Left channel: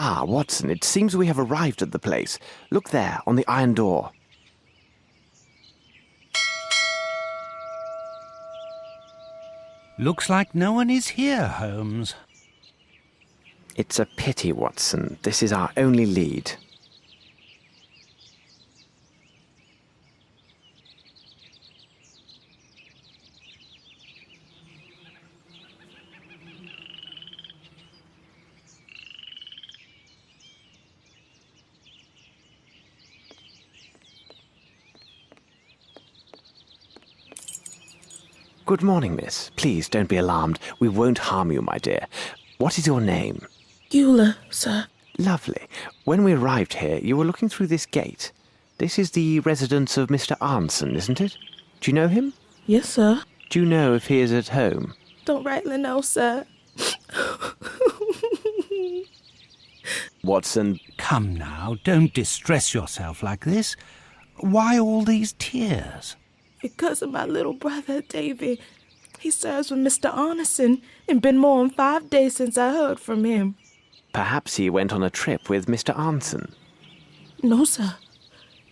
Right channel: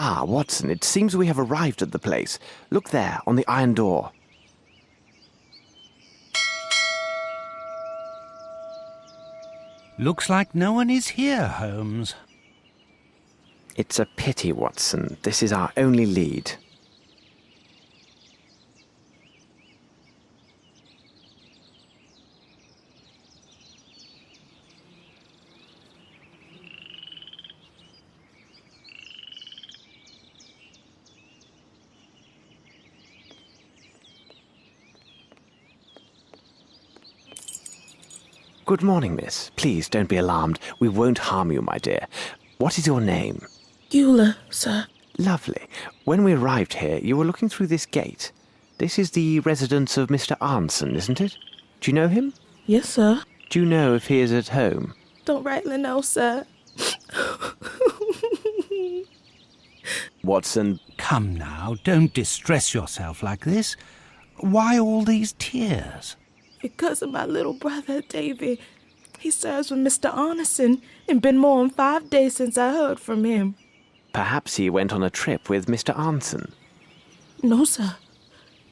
Ah, Watson, it seems we have arrived at the place. Look there, on the iron door. Looks like no one is here, Holmes. It's a pity, Watson. This is our only lead. Good morning, miss. Please don't be alarmed. We won't harm you, my dear. What is your name? Eula, sir. Lovely. When we arrived here, you were looking through this gate. This is the residence of Mr. Arnson, isn't it? Do you know him? Yes, sir. Do you know if he is at home? Don't rightly know, sir. Watson. Come now, don't distress yourself like this. Why all these tears? Because of my little brother, Davy. He serves with Mr. Arneson, and been more than 5 days since I heard from him. Perhaps he went on a trip with Mr. Arnson. No, sir.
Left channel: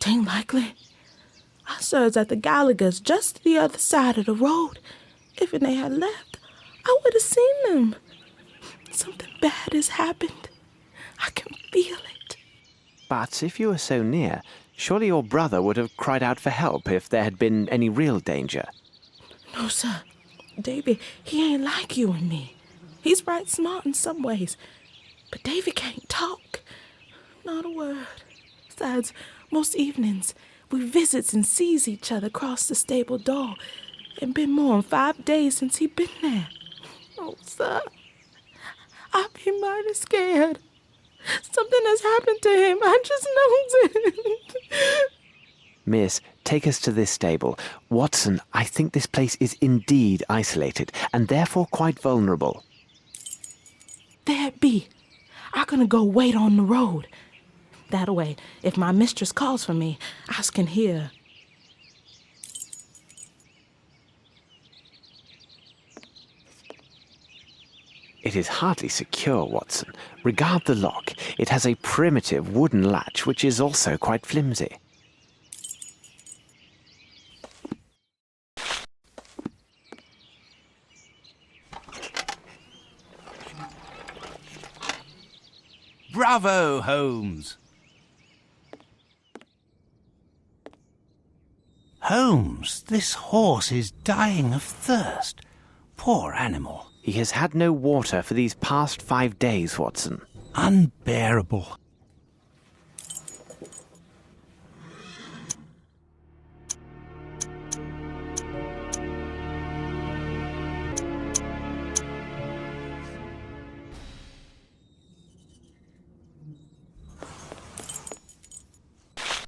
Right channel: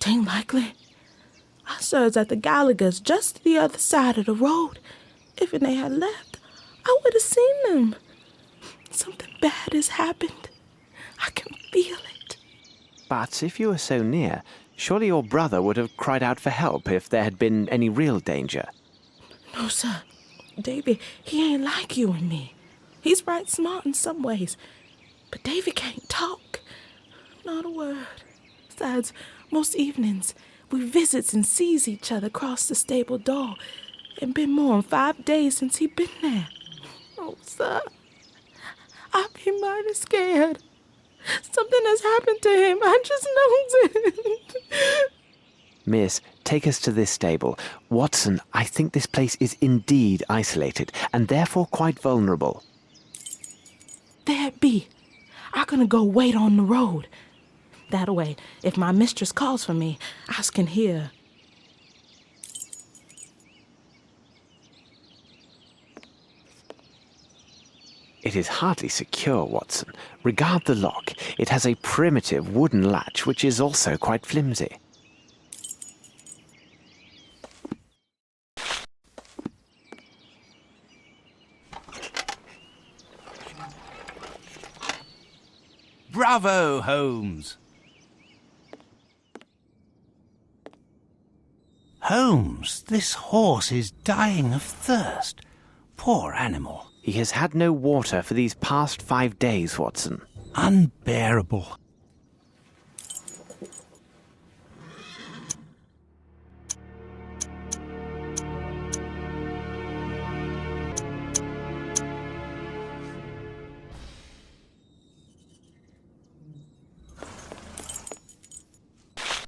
Tain't likely. I serves at the Gallagher's just the other side of the road. If they had left, I would have seen them. Something bad has happened. I can feel it. But if you were so near, surely your brother would have cried out for help if there had been any real danger. No, sir. Davy, he ain't like you and me. He's right smart in some ways. But Davy can't talk. Not a word. Besides, most evenings, we visits and sees each other across the stable door. It been more than 5 days since he been there. Oh, sir, I be mighty scared. Something has happened to him. I just knows it. Miss, take us to this stable. Watson, I think this place is indeed isolated, and therefore quite vulnerable. There it be. I gonna go wait on the road. That way, if my mistress calls for me, I can hear. It is hardly secure, Watson. Regard the lock. It has a primitive wooden latch, which is also quite flimsy. Bravo, Holmes! Holmes, this horse is dying of thirst. Poor animal. He has had no water for these past 5 days, Watson. Unbearable.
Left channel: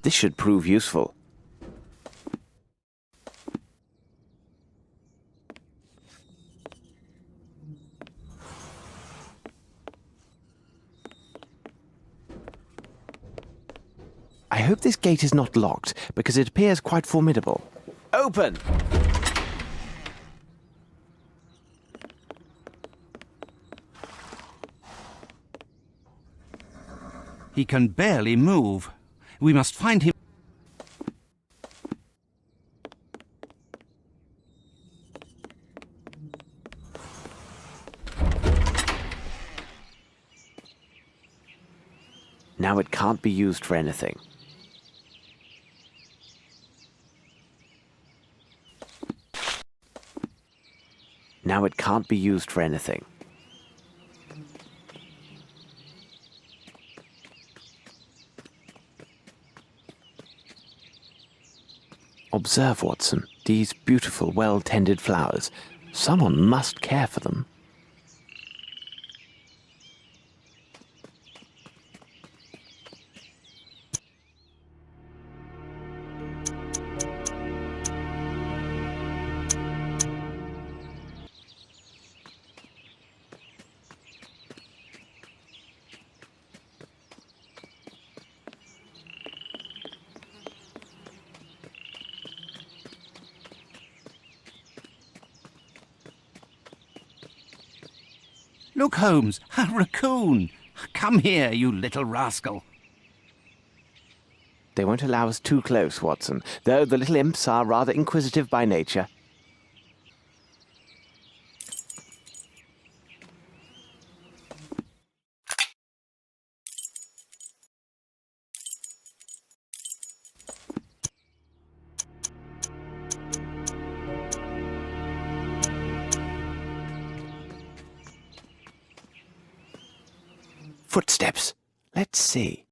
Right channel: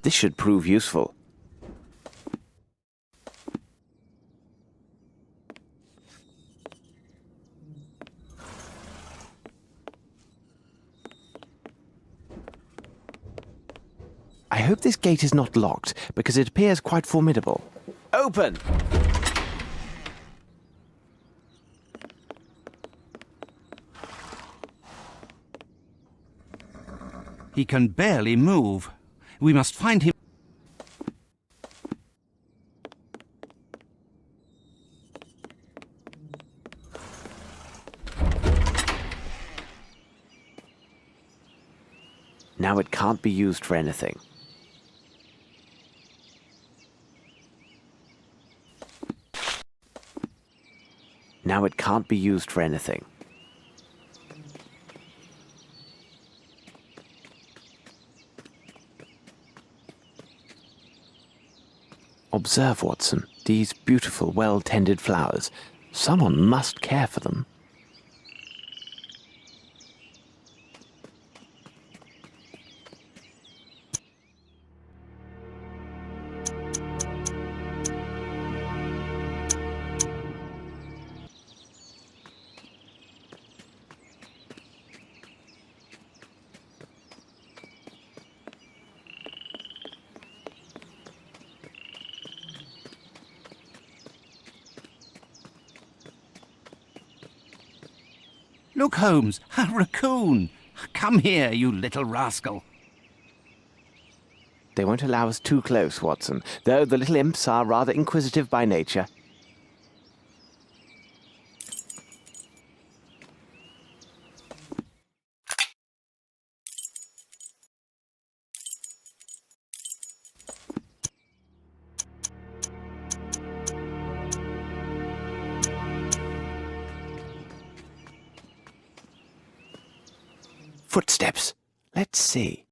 This should prove useful. I hope this gate is not locked, because it appears quite formidable. Open! He can barely move. We must find him. Now it can't be used for anything. Now it can't be used for anything. Observe, Watson, these beautiful, well-tended flowers. Someone must care for them. Look, Holmes, a raccoon. Come here, you little rascal. They won't allow us too close, Watson, though the little imps are rather inquisitive by nature. Footsteps. Let's see.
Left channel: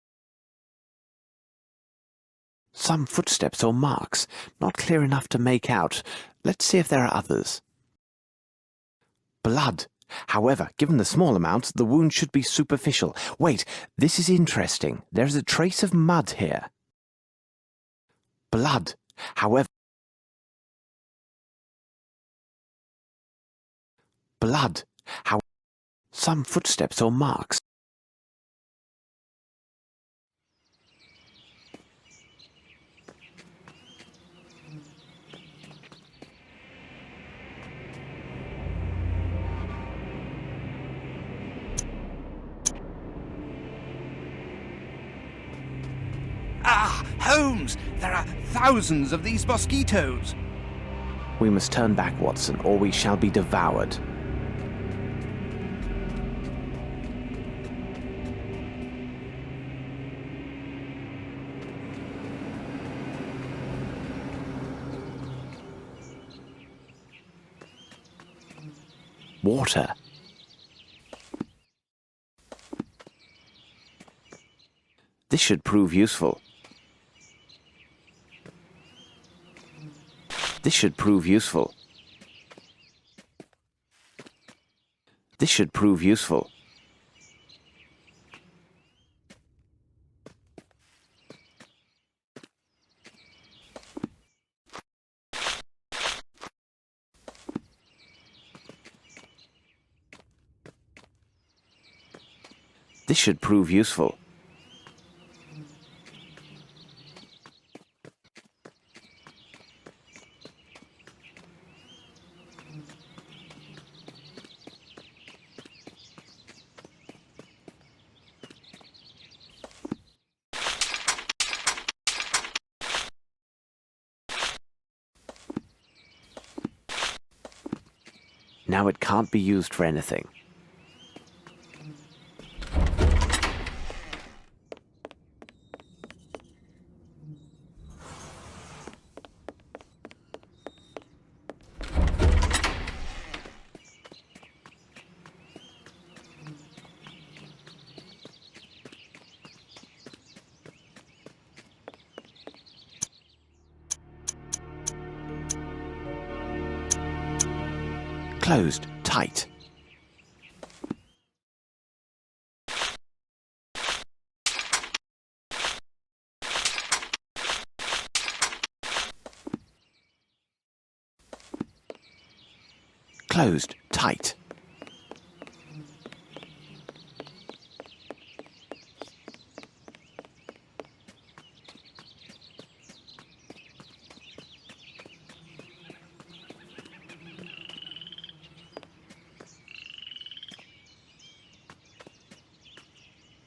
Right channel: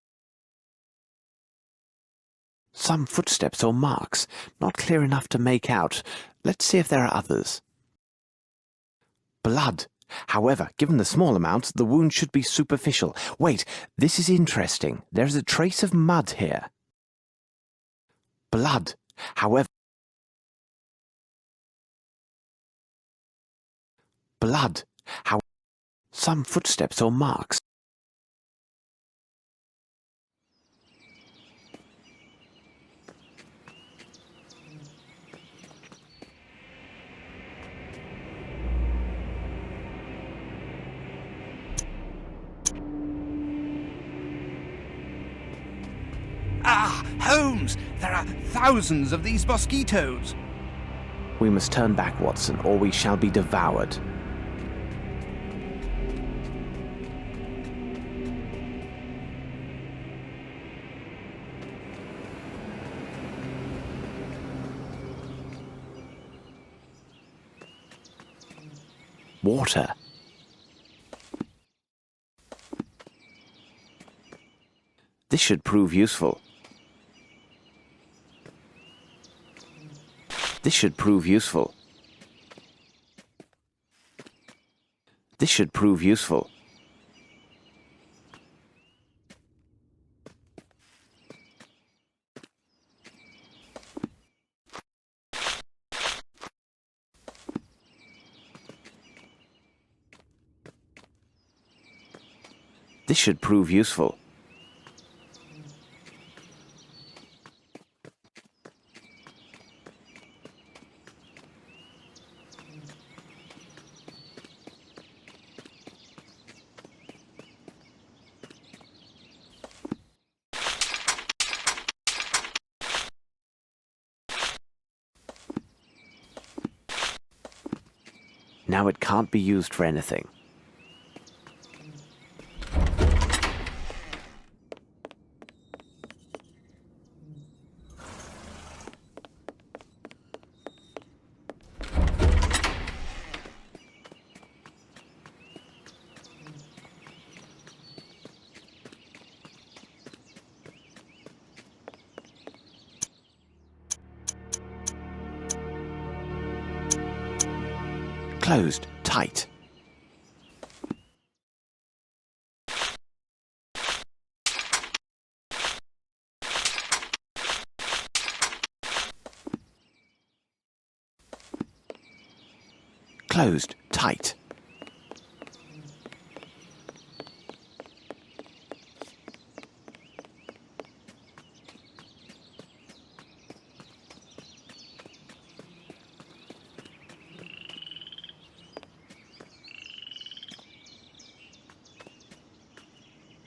Some footsteps or marks, not clear enough to make out. Let's see if there are others. Blood. However, given the small amount, the wound should be superficial. Wait, this is interesting. There is a trace of mud here. Blood. However, blood. How? Some footsteps or marks. Ah, Holmes! There are thousands of these mosquitoes. We must turn back, Watson, or we shall be devoured. Water. This should prove useful. This should prove useful. This should prove useful. This should prove useful. Now it can't be used for anything. Closed, tight. Closed, tight.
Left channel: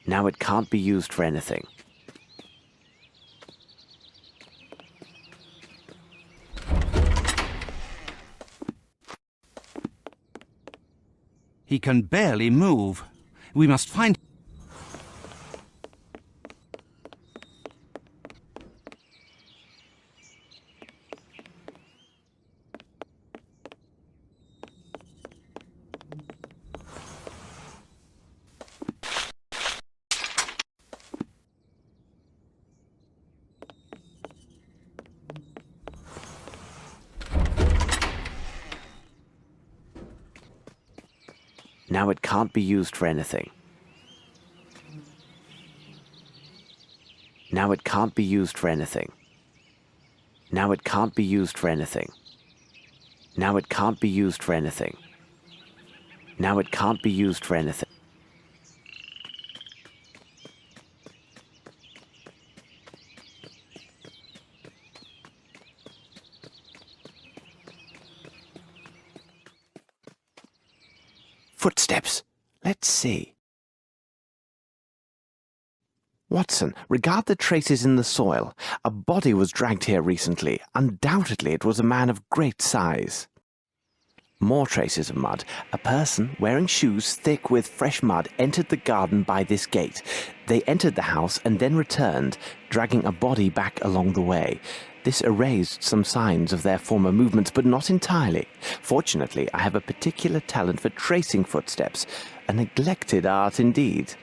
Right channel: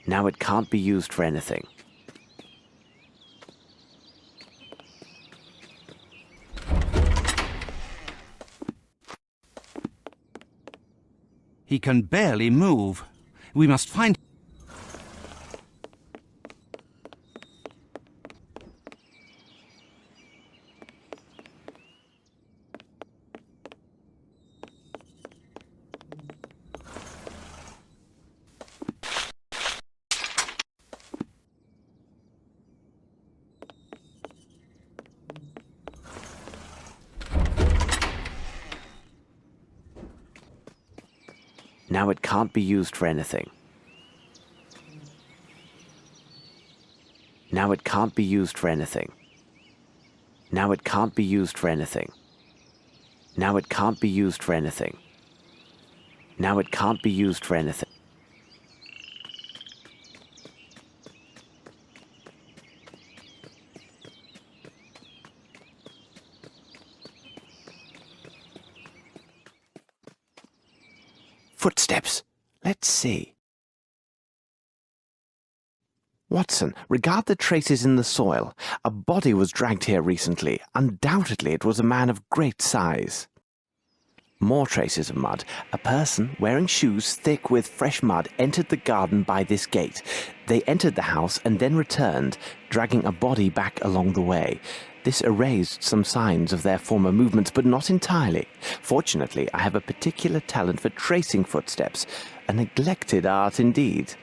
Now it can't be used for anything. He can barely move. We must find... Now it can't be used for anything. Now it can't be used for anything. Now it can't be used for anything. Now it can't be used for anything. Now it can't be used for anything. Footsteps. Let's see. Watson, regard the traces in the soil. A body was dragged here recently. Undoubtedly, it was a man of great size. More traces of mud. A person wearing shoes thick with fresh mud entered the garden by this gate. They entered the house and then returned, dragging a body back along the way. This erased some signs of their former movements, but not entirely. Fortunately, I have a particular talent for tracing footsteps. A neglected art indeed.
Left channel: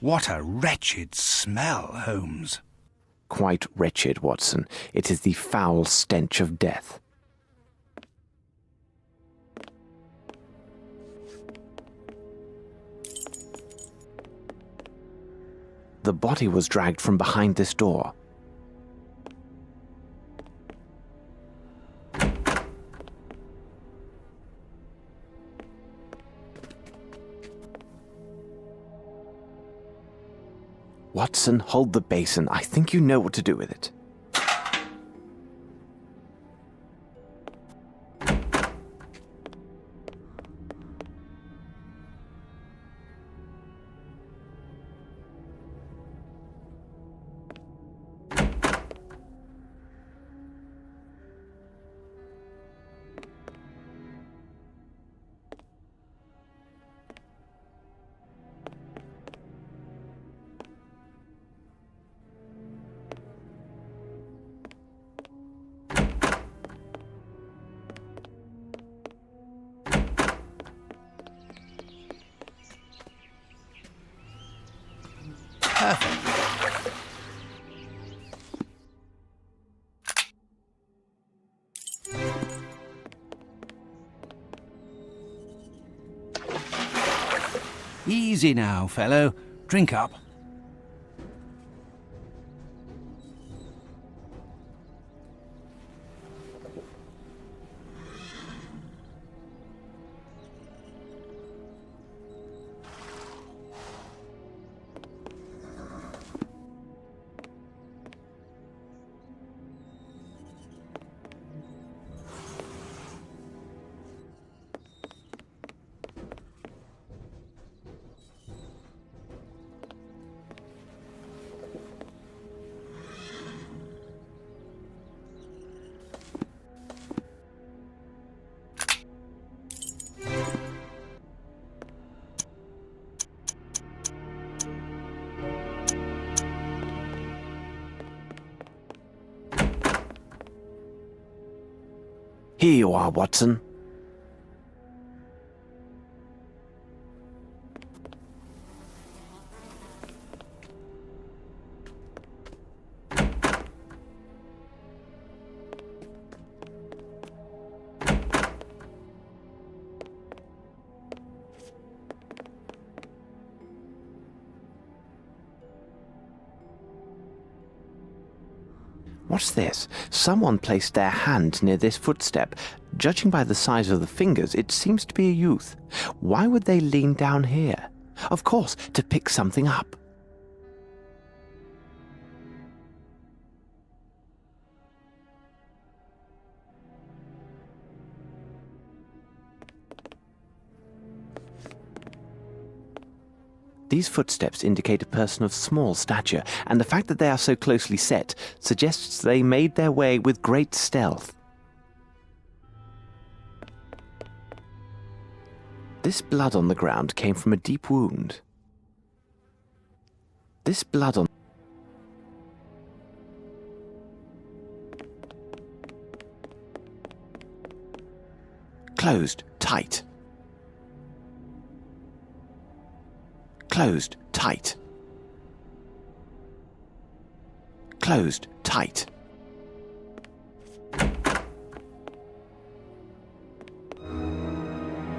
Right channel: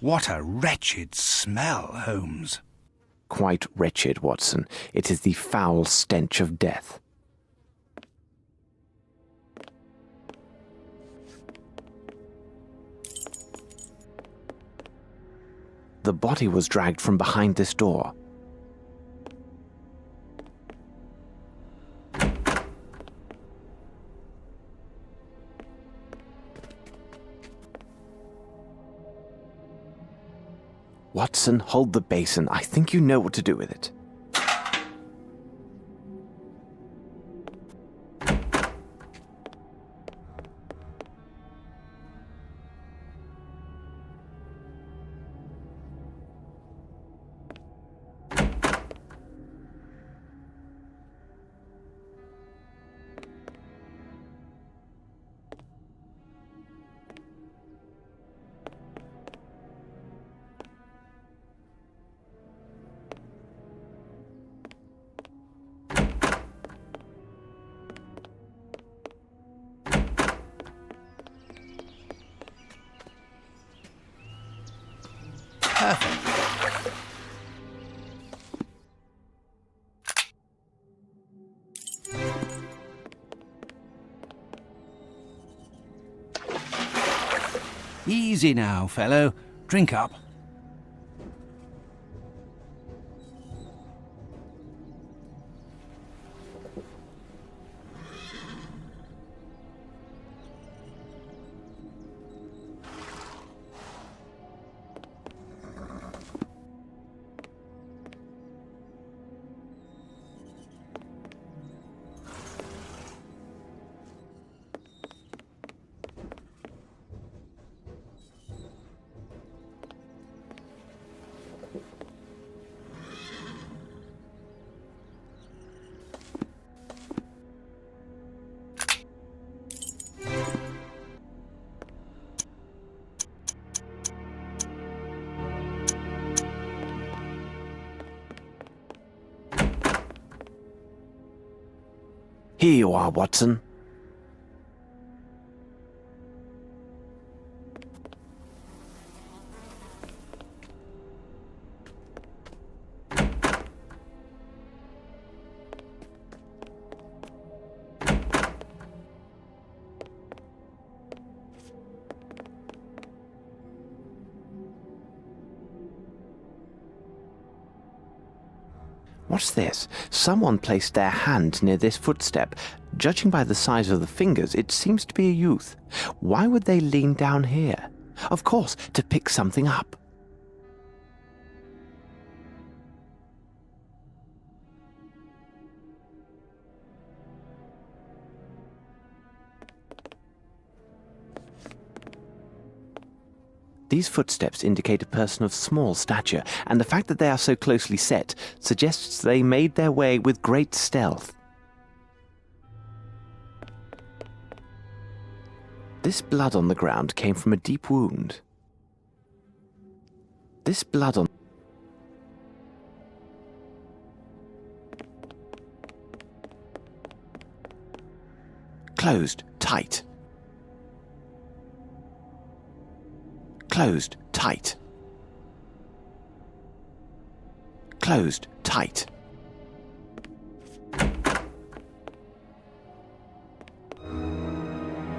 What a wretched smell, Holmes. Quite wretched, Watson. It is the foul stench of death. The body was dragged from behind this door. Watson, hold the basin. I think you know what to do with it. Perfect. Easy now, fellow. Drink up. Here you are, Watson. What's this? Someone placed their hand near this footstep. Judging by the size of the fingers, it seems to be a youth. Why would they lean down here? Of course, to pick something up. These footsteps indicate a person of small stature, and the fact that they are so closely set suggests they made their way with great stealth. This blood on the ground came from a deep wound. This blood on... Closed, tight. Closed, tight. Closed, tight.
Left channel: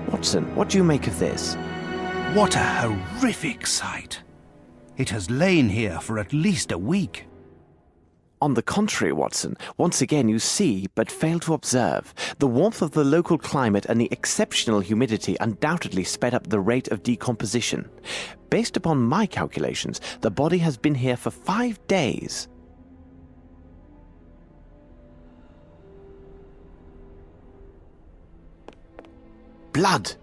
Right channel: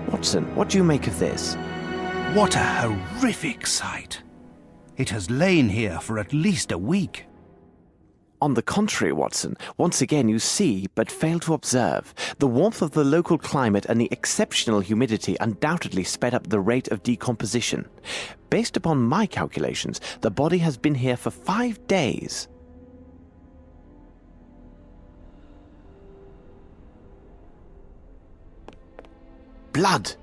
Watson, what do you make of this? What a horrific sight. It has lain here for at least a week. On the contrary, Watson, once again you see, but fail to observe. The warmth of the local climate and the exceptional humidity undoubtedly sped up the rate of decomposition. Based upon my calculations, the body has been here for 5 days. Blood!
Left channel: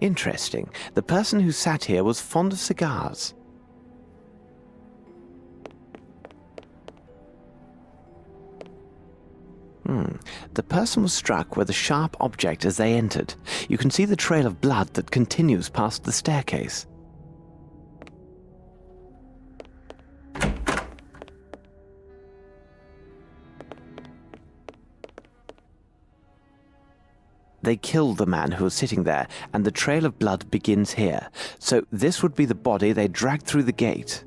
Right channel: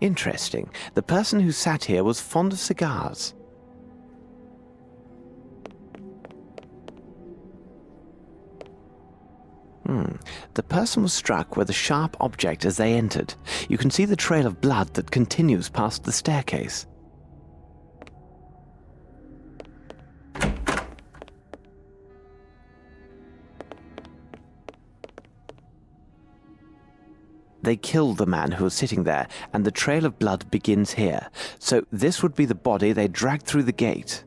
Interesting. The person who sat here was fond of cigars. The person was struck with a sharp object as they entered. You can see the trail of blood that continues past the staircase. They killed the man who was sitting there, and the trail of blood begins here. So this would be the body they dragged through the gate.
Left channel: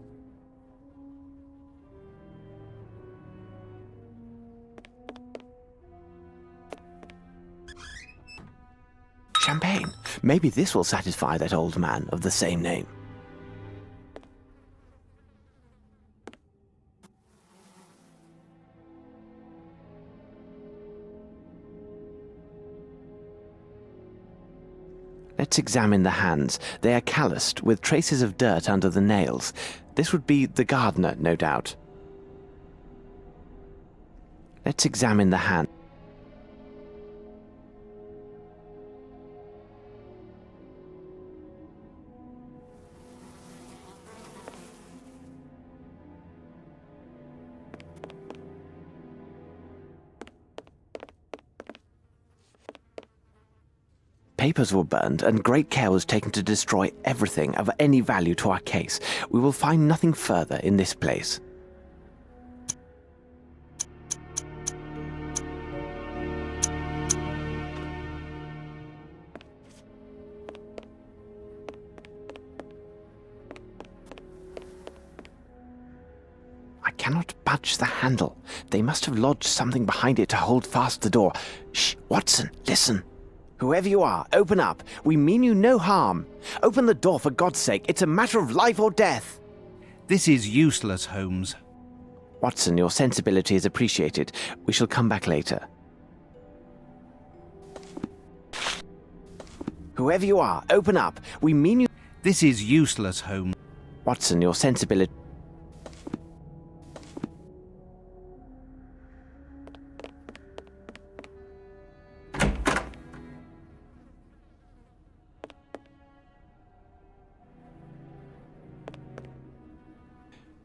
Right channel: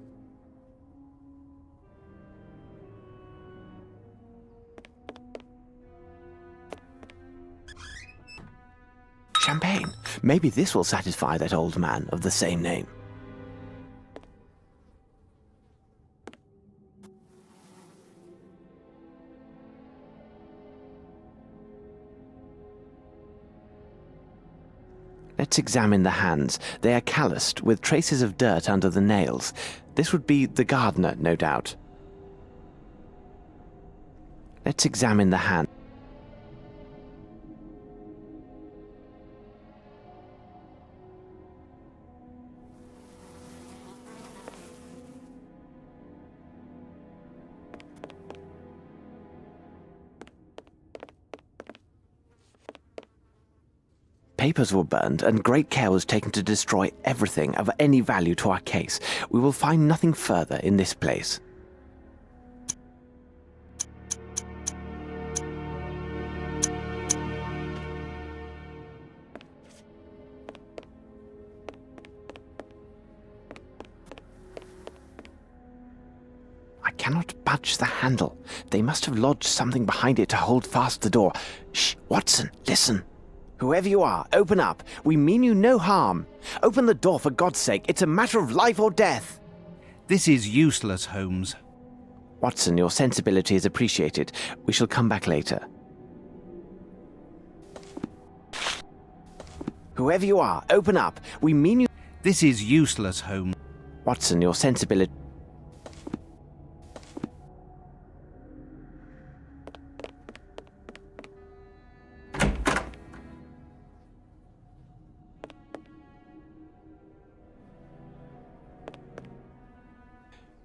Champagne. Maybe this will satisfy that old man of the same name. Let's examine the hands. They are calloused, with traces of dirt under the nails. This would be the gardener, no doubt. Let's examine the hand. Papers were burned, and great care was taken to destroy everything of any value to our case. We will find nothing further in this place. I cannot budge the handle. They must have lodged something behind it to hold fast the door. Shh, Watson, listen. Whoever you are, open up. We mean you no harm. Open the door for God's sake. It's a matter of life or death. This is useless, Holmes. Watson, your sensibility is appreciated. We shall come back later. Whoever you are, open up. We mean you... This is useless, Holmes. Watson, your sensibility...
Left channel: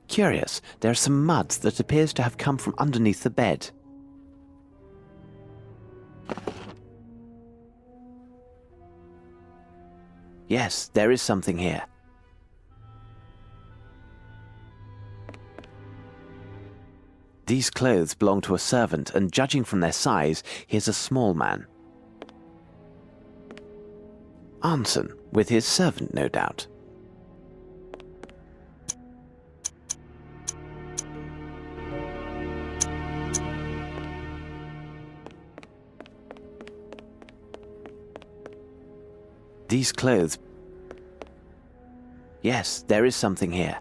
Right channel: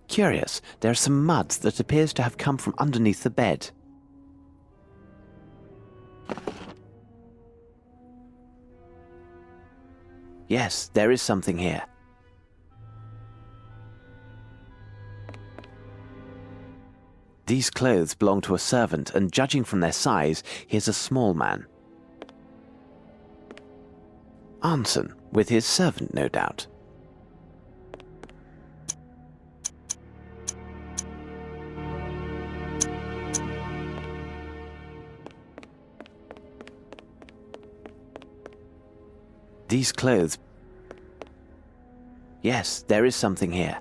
Curious, there are some mud that appears to have come from underneath the bed. Yes, there is something here. These clothes belong to a servant, and judging from their size, he is a small man. Anson, with his servant, no doubt. These clothes... Yes, there is something here.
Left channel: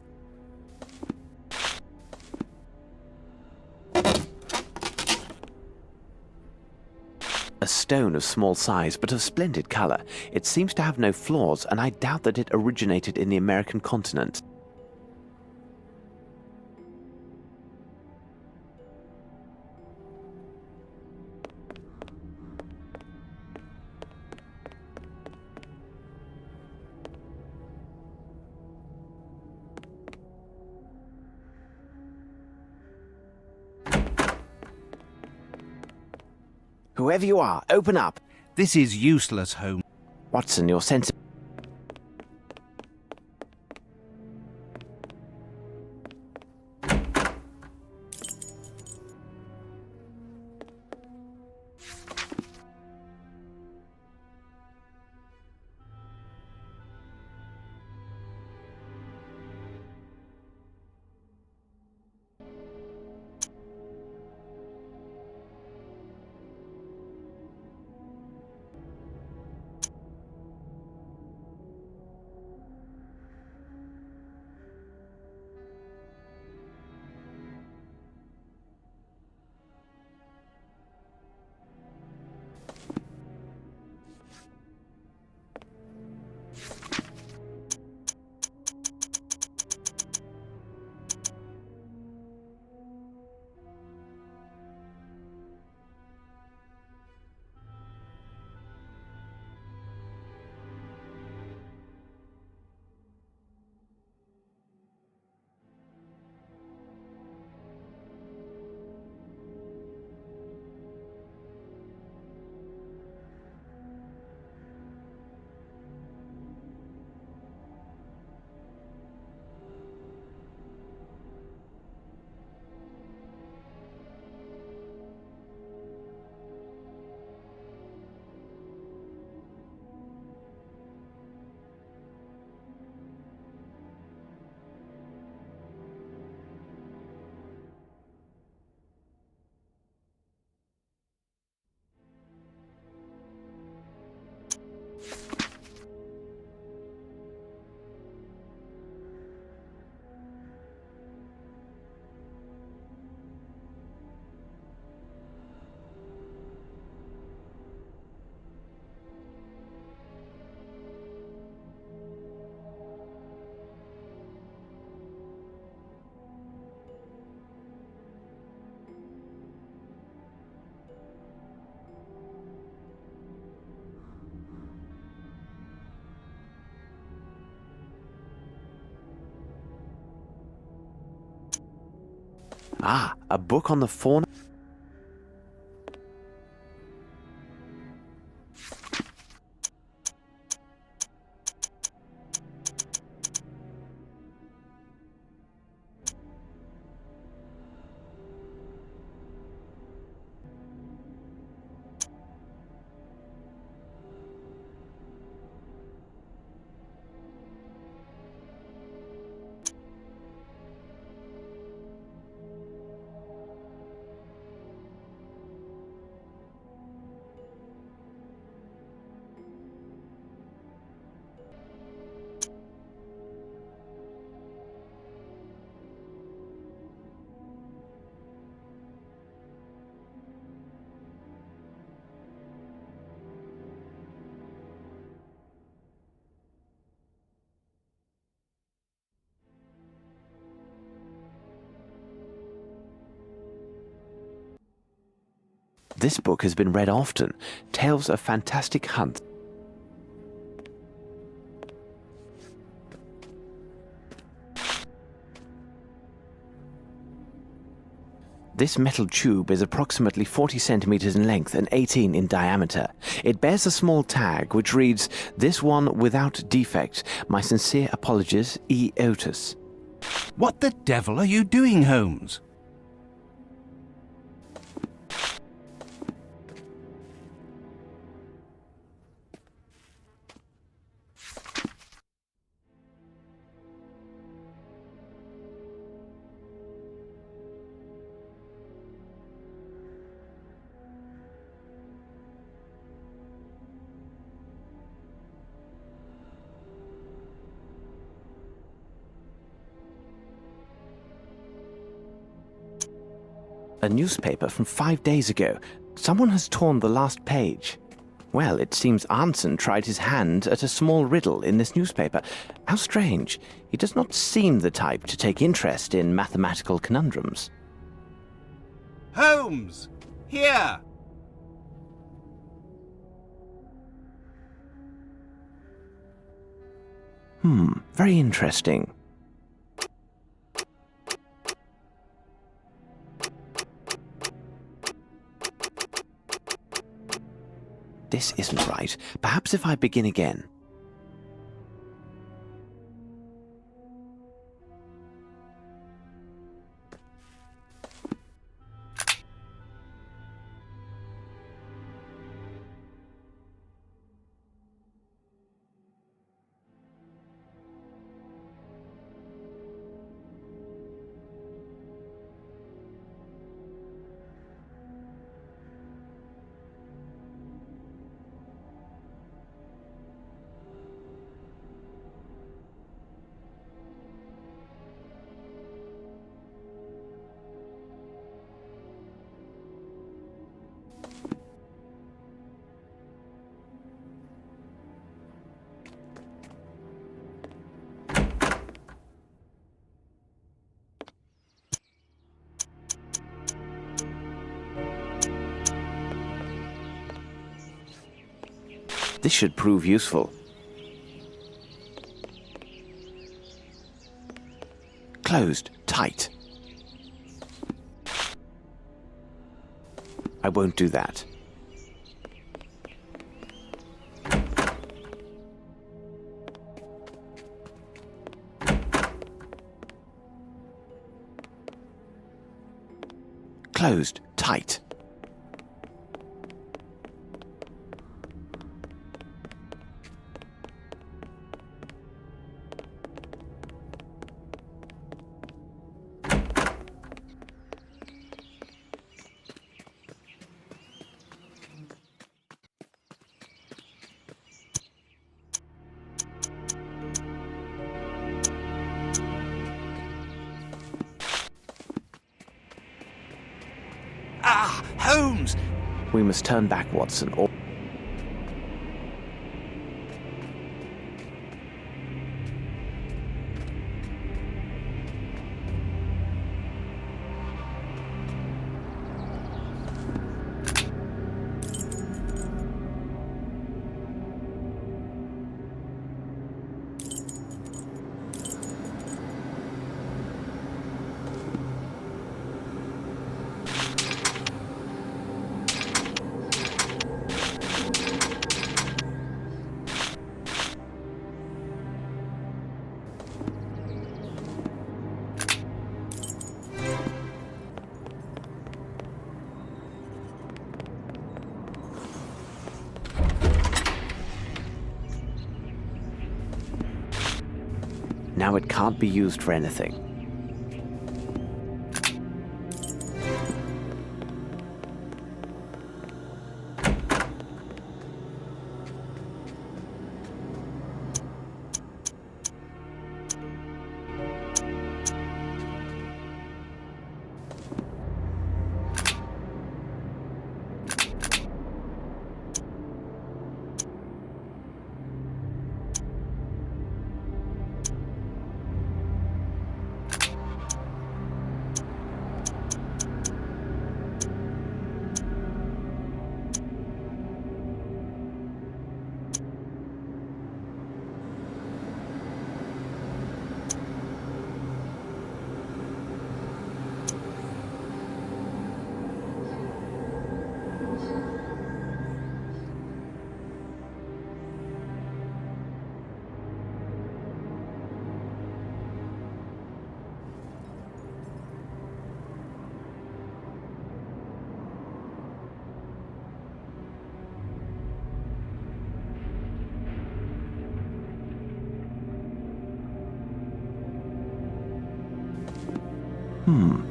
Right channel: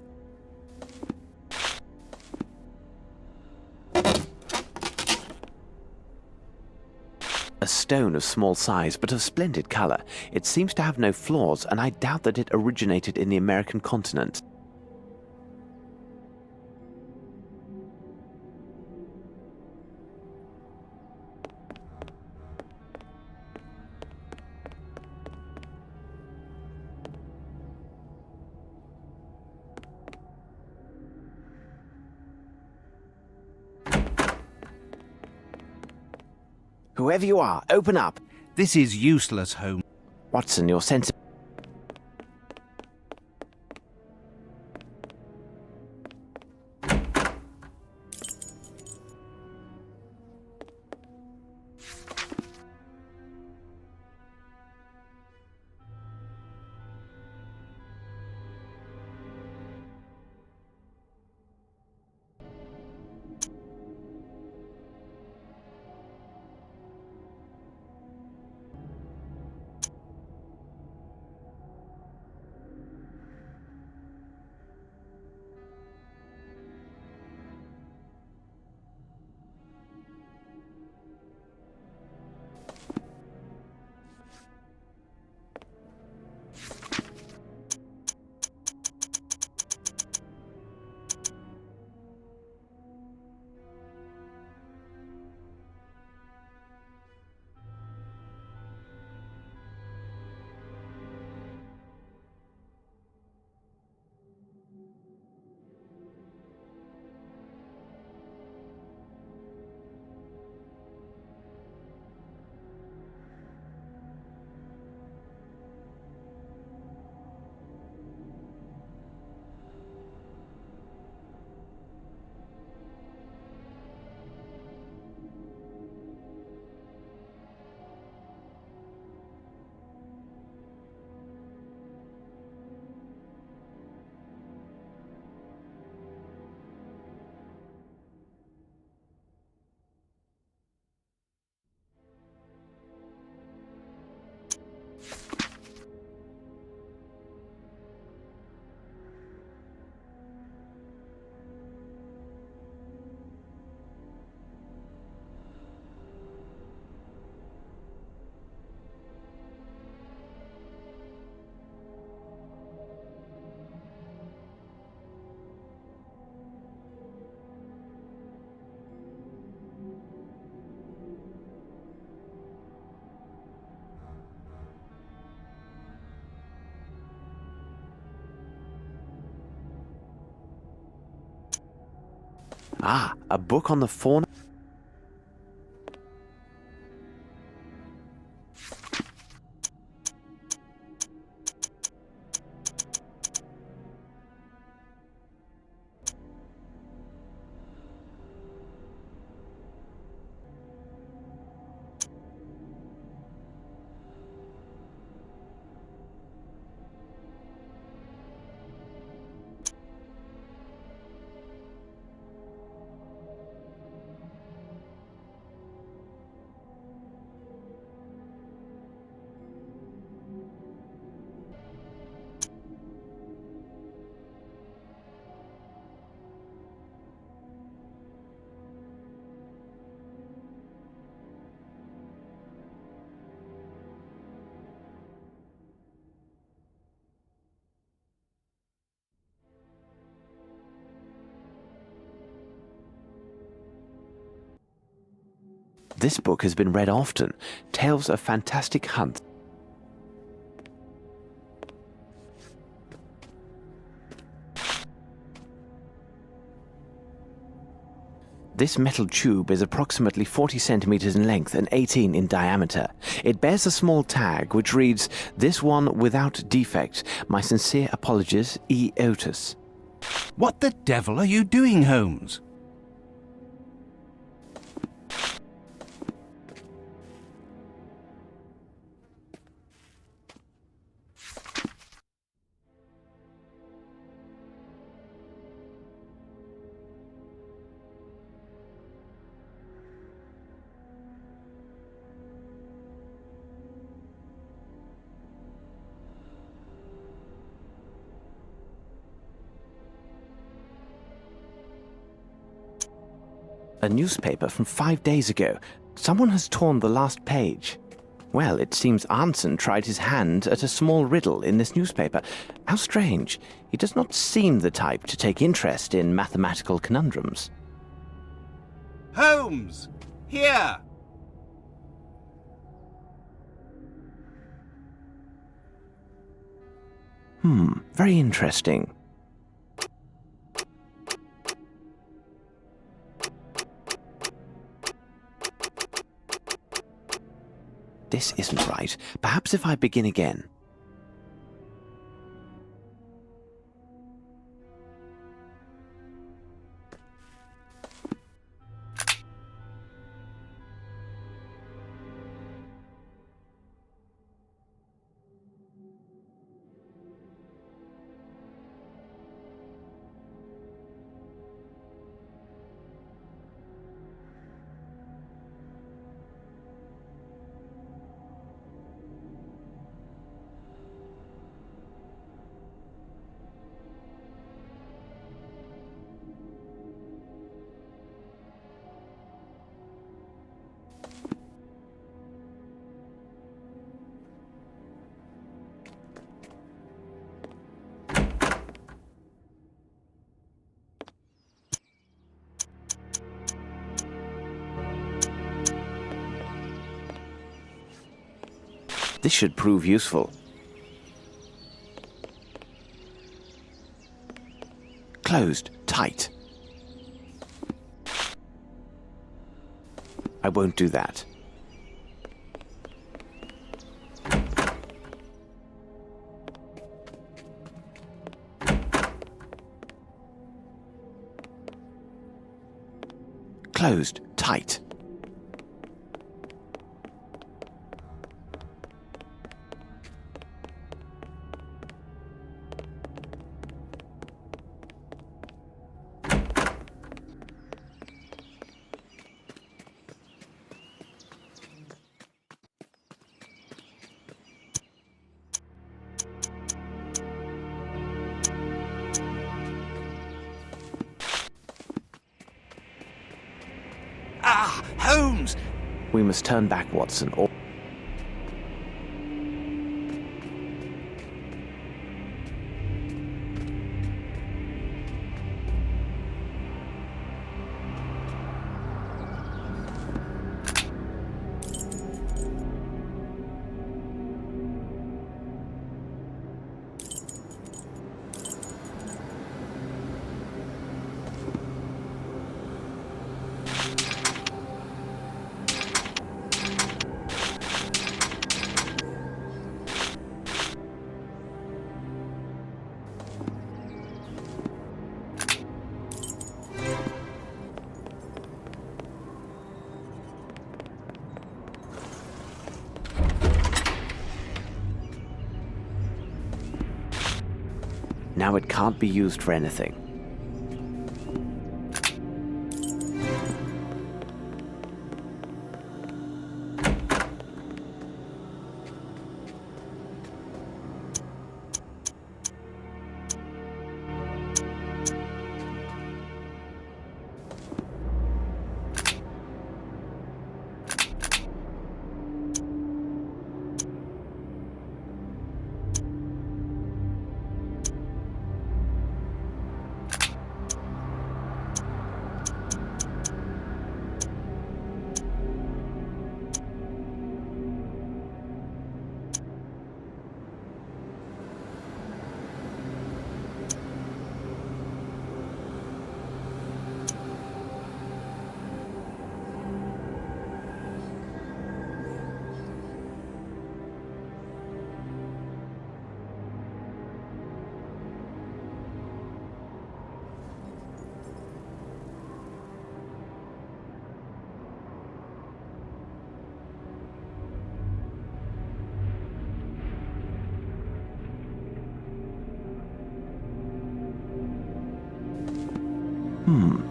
A stone of small size, but of splendid color. It seems to have no flaws, and I doubt that it originated in the American continent. Whoever you are, open up. This is useless, Holmes. Watson, your sense... Ah, a book on the fauna. This book has been read often. Tales of fantastic hunts. This metal tube is approximately 40 centimeters in length and 18 in diameter. It bears a small tag which reads, "This one without defect. My sincere apologies, E. Otis." What the devil are you doing, Holmes? A newspaper from 5 days ago. Someone has torn the last page. Well, it seems Arnson tried his hand at a small riddle in this newspaper. How strange. He does not seem the type to take interest in mathematical conundrums. Holmes! Here! Very interesting. This isn't right. Perhaps if I begin again. This should prove useful. Closed, tight. I won't do that. Closed, tight. Ah, Holmes! We must turn back, Watson, or... Now it can't be used for anything.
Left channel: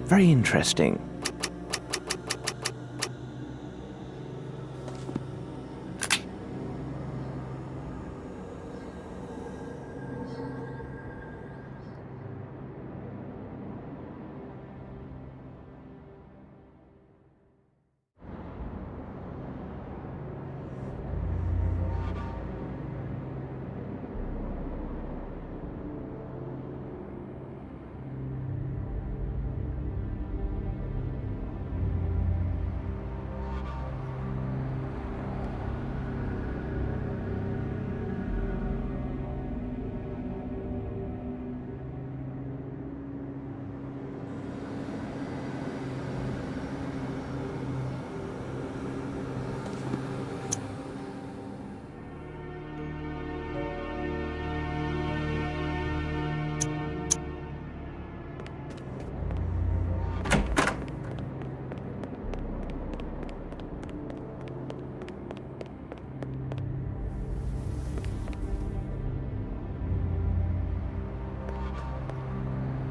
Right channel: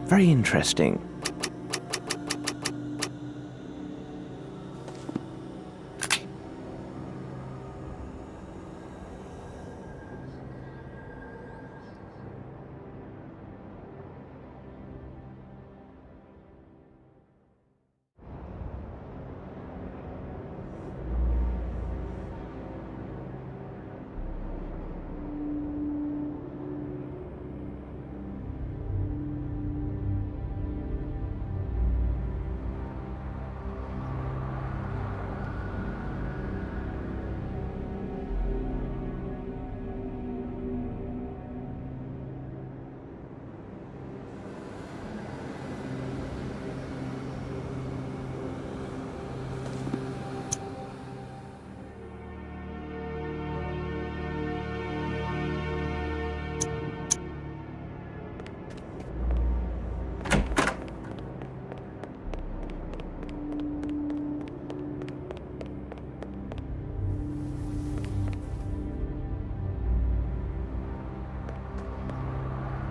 Very interesting.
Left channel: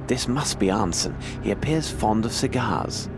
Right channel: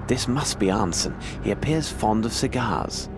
This must be Arnson. He appears fond of cigars.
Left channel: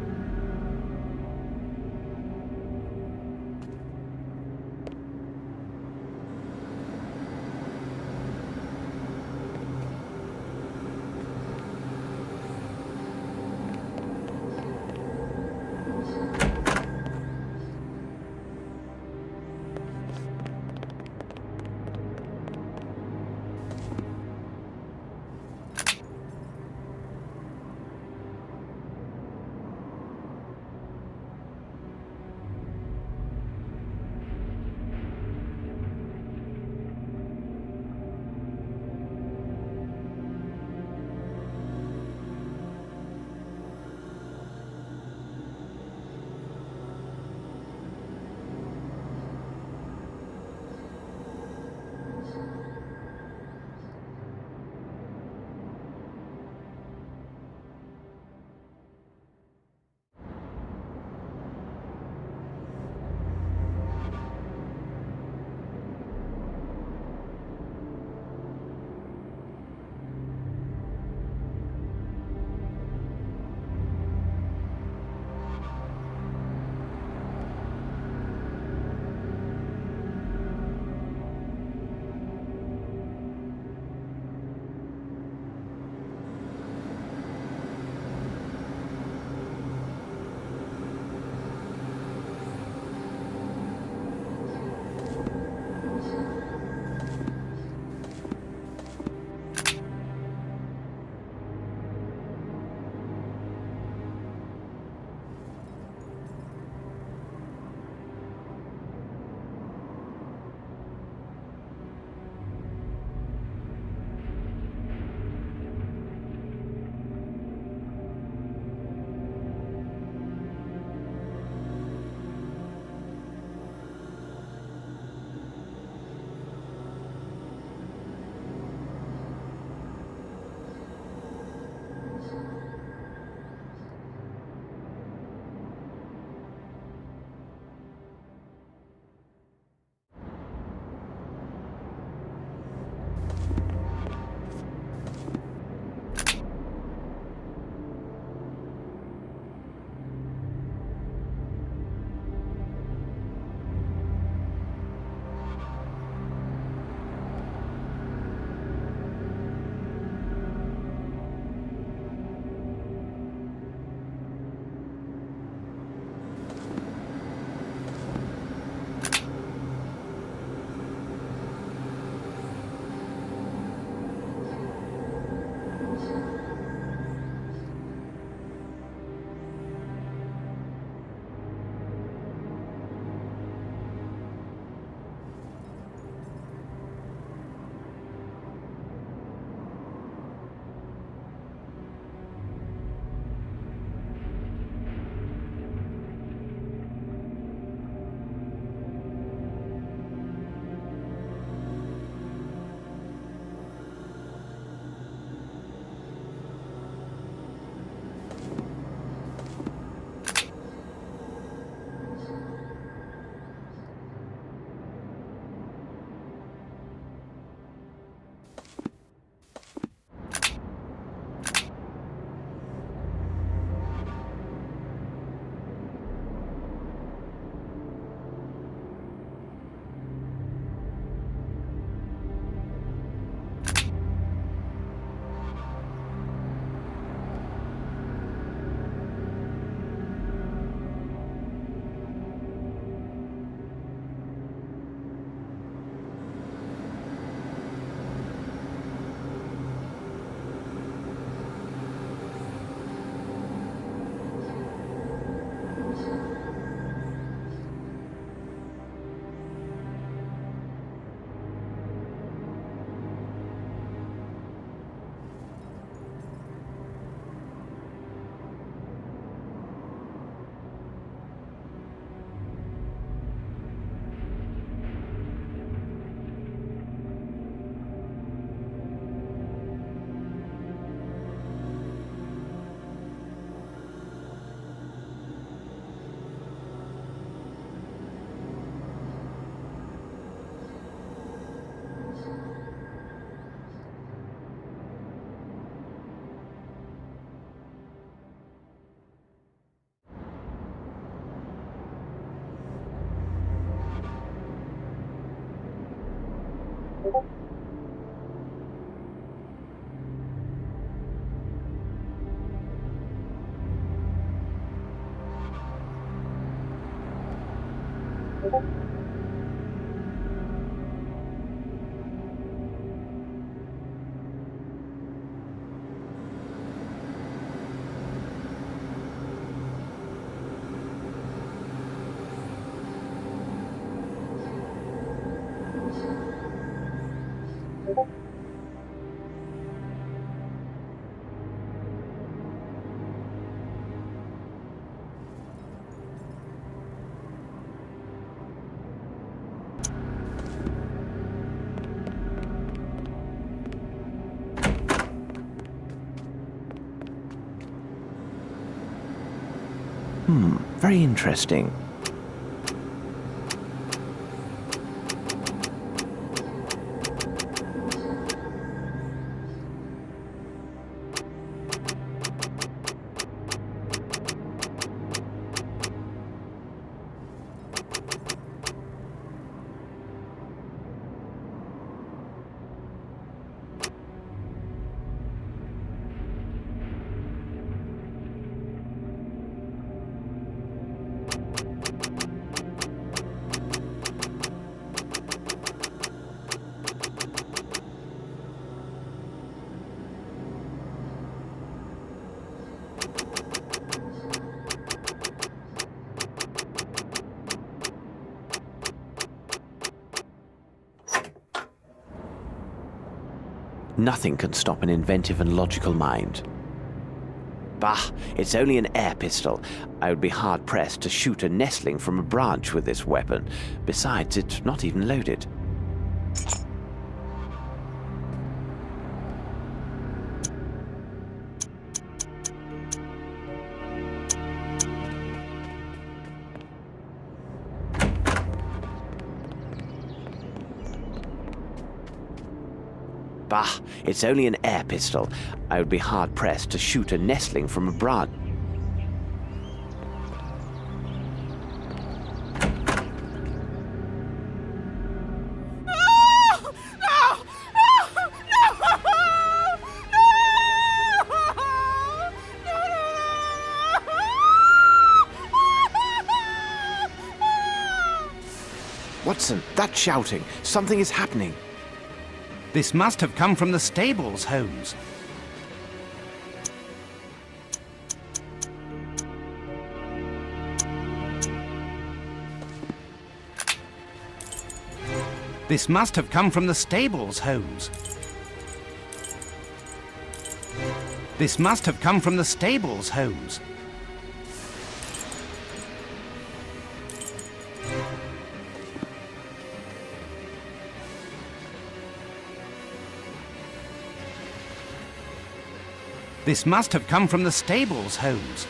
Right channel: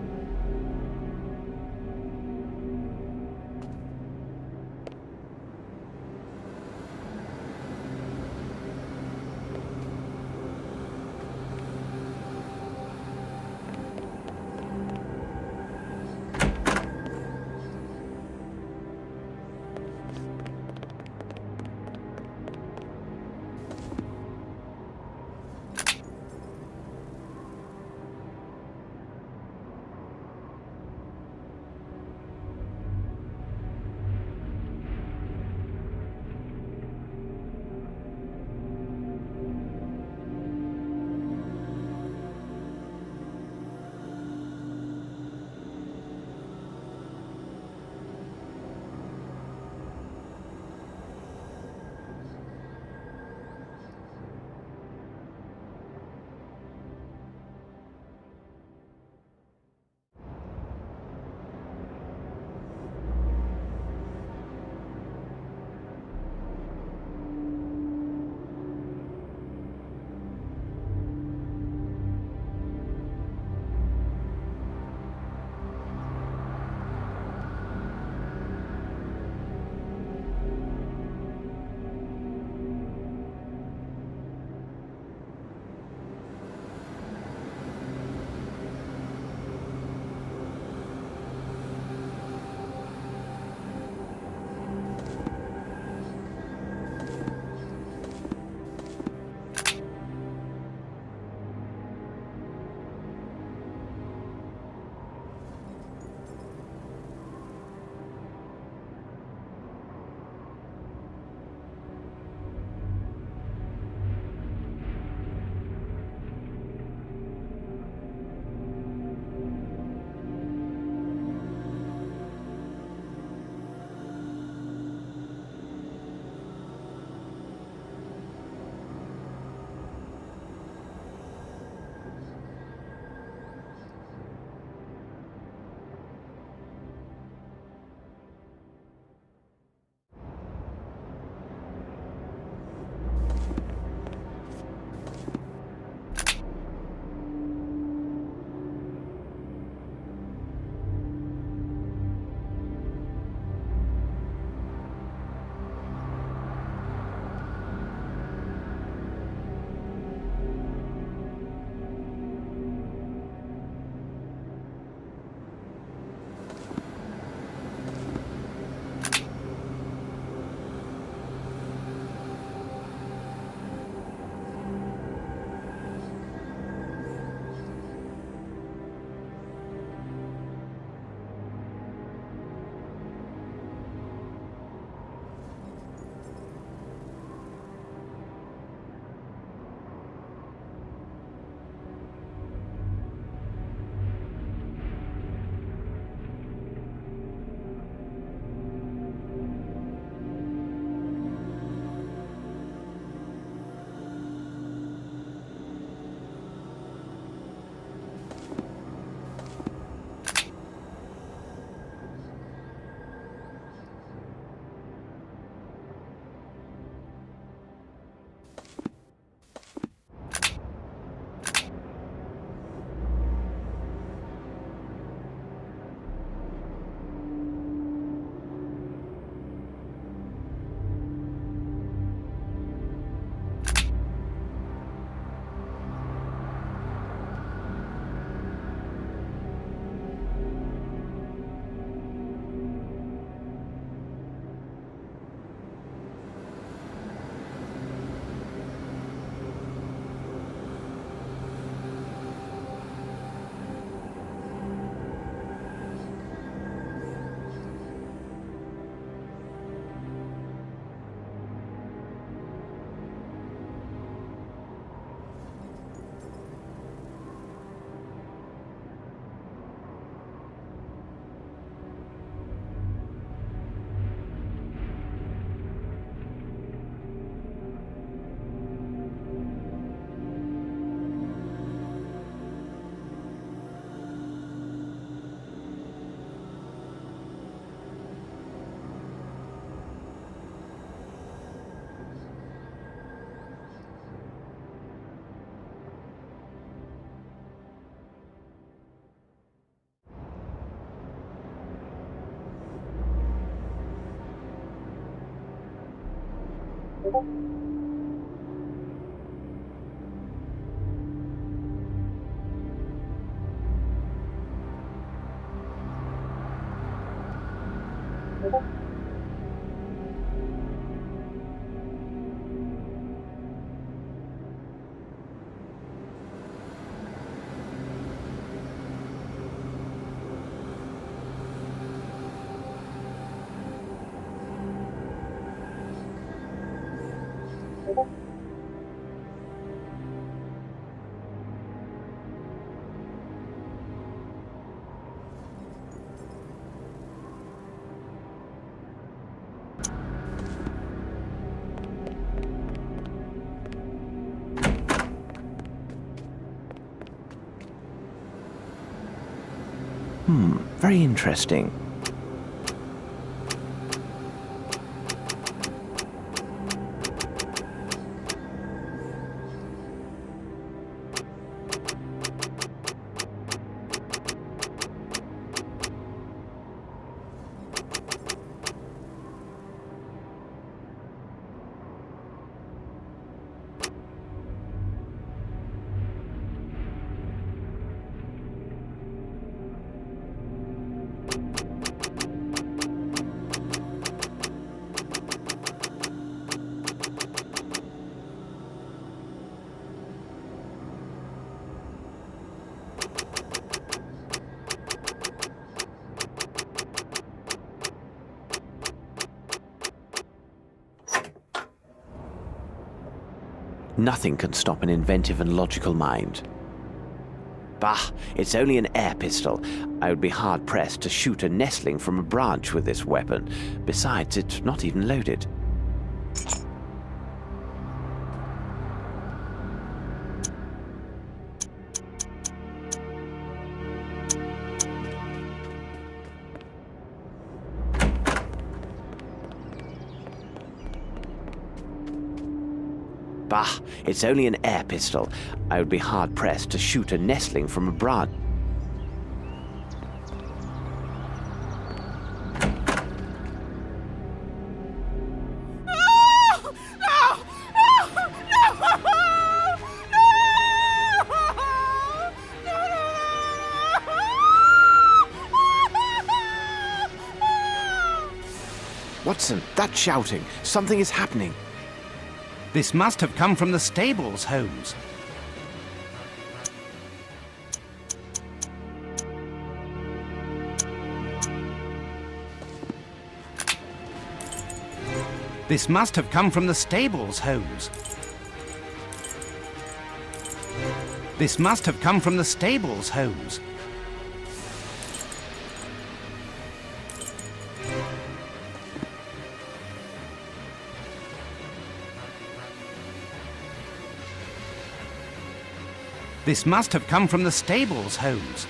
Very interesting. Nothing can stop an inventive and logical mind. Bah, it's only an air pistol. I would be hard-pressed to shoot a nestling from a branch with this weapon. Besides, it's not even loaded. Bah, it's only an air pistol. I would be hard-pressed to shoot a nestling from a branch. Watson, that's shouting. Something is happening. This must have come from the stables, Holmes. This must have come from the stables, Holmes. This must have come from the stables, Holmes. This must have come from the stables, Holmes.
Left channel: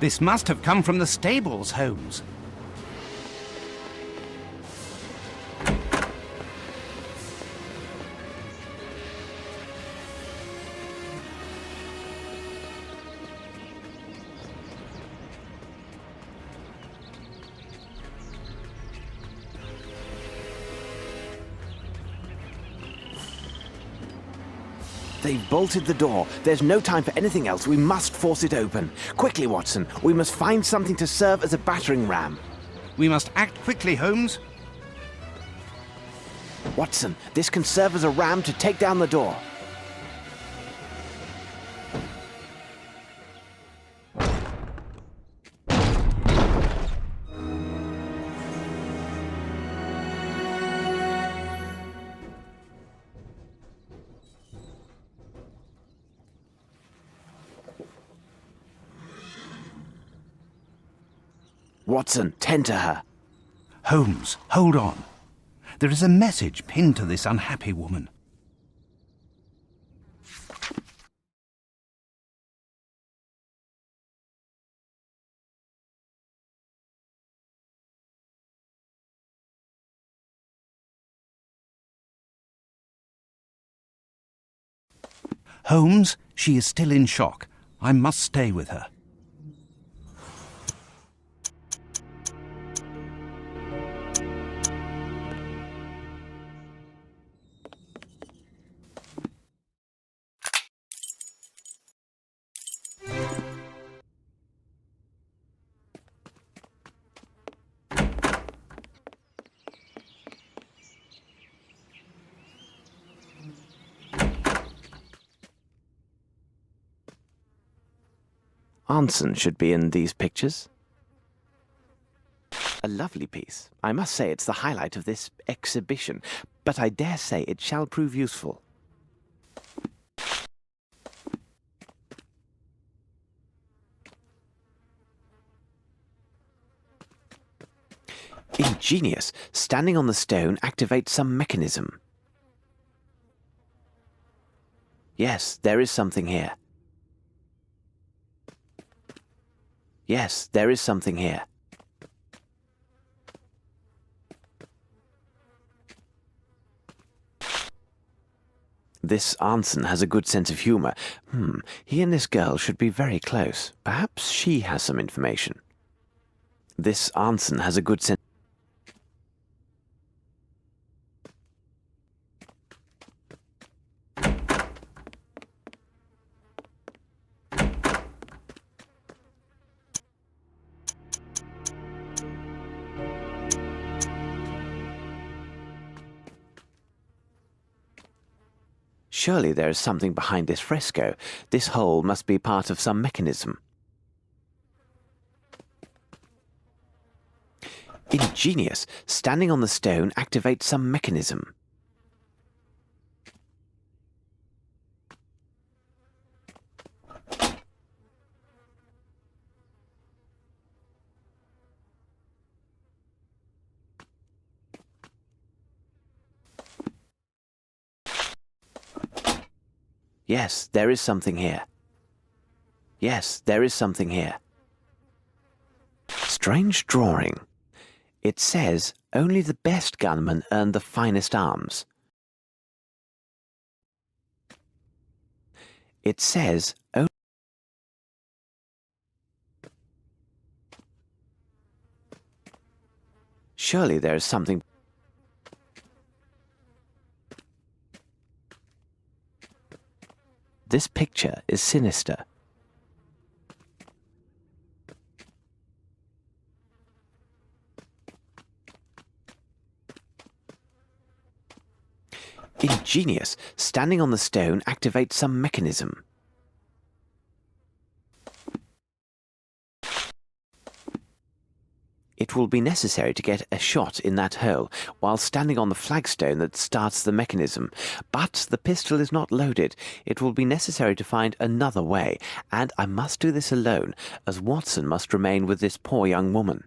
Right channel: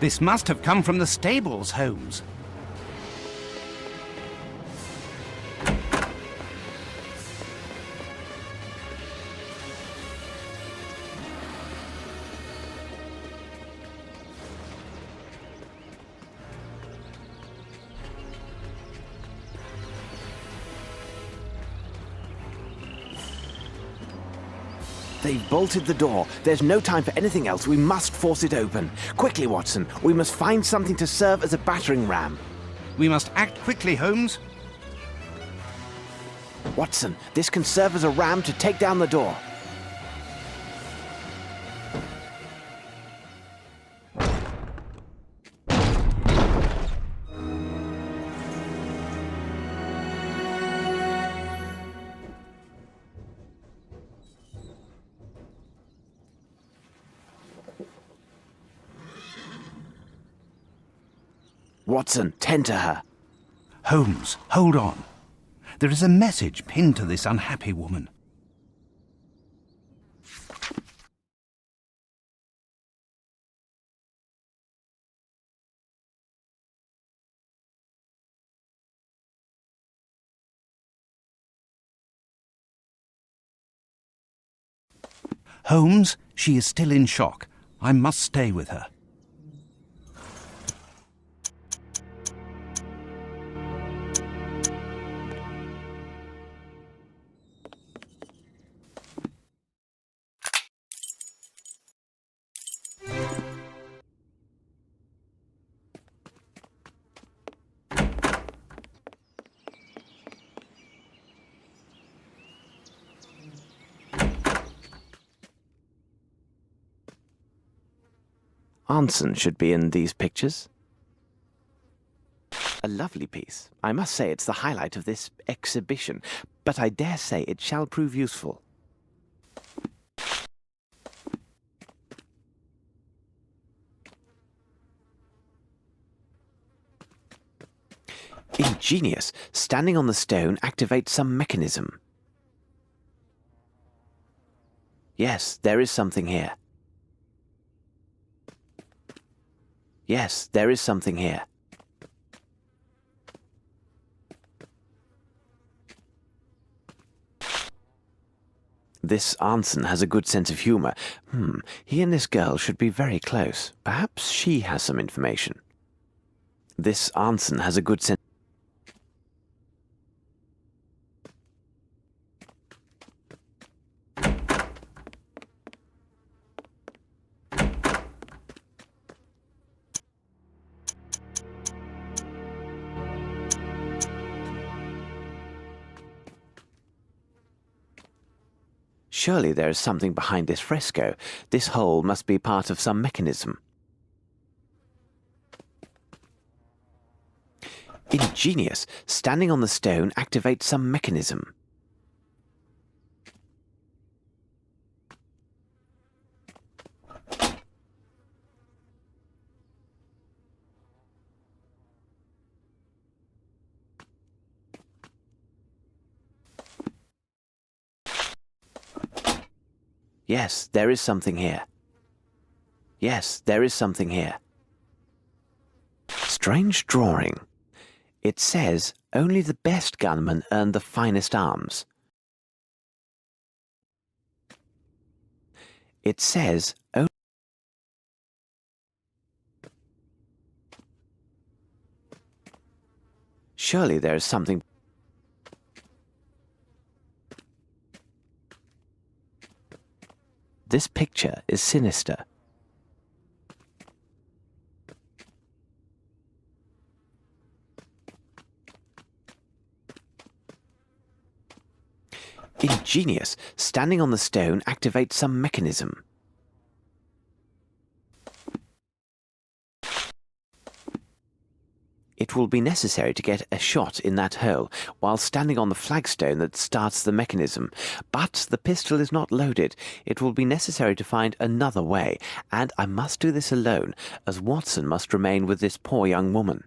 This must have come from the stables, Holmes. They've bolted the door. There's no time for anything else. We must force it open. Quickly, Watson. We must find something to serve as a battering ram. We must act quickly, Holmes. Watson, this can serve as a ram to take down the door. Watson, tend to her. Holmes, hold on. There is a message pinned to this unhappy woman. Holmes, she is still in shock. I must stay with her. Anson should be in these pictures. A lovely piece. I must say it's the highlight of this exhibition, but I dare say it shall prove useful. Ingenious. Standing on the stone activates some mechanism. Yes, there is something here. Yes, there is something here. This Anson has a good sense of humour. He and this girl should be very close. Perhaps she has some information. This Anson has a good sense. Surely there is something behind this fresco. This hole must be part of some mechanism. Ingenious. Standing on the stone activates some mechanism. Yes, there is something here. Yes, there is something here. Strange drawing. It says, only the best gunmen earn the finest arms. It says, surely there is something. This picture is sinister. Ingenious. Standing on the stone activates some mechanism. It will be necessary to get a shot in that hole while standing on the flagstone that starts the mechanism. But the pistol is not loaded. It will be necessary to find another way, and I must do this alone, as Watson must remain with this poor young woman.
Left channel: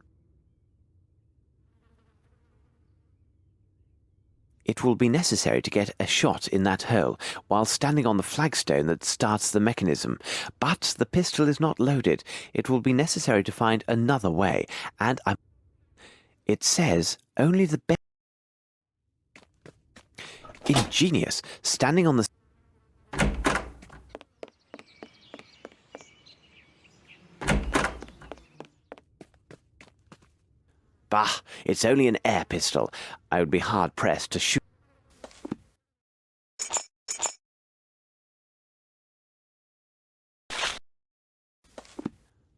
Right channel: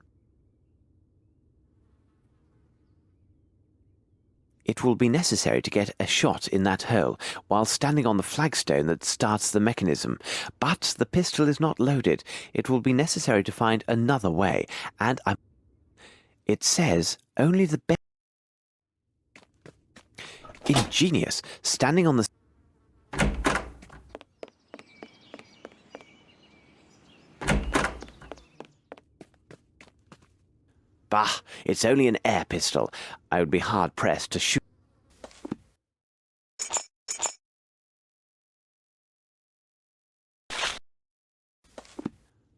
It will be necessary to get a shot in that hole while standing on the flagstone that starts the mechanism. But the pistol is not loaded. It will be necessary to find another way, and it says only the best. Ingenious. Standing on the. Bah, it's only an air pistol. I would be hard-pressed to shoot.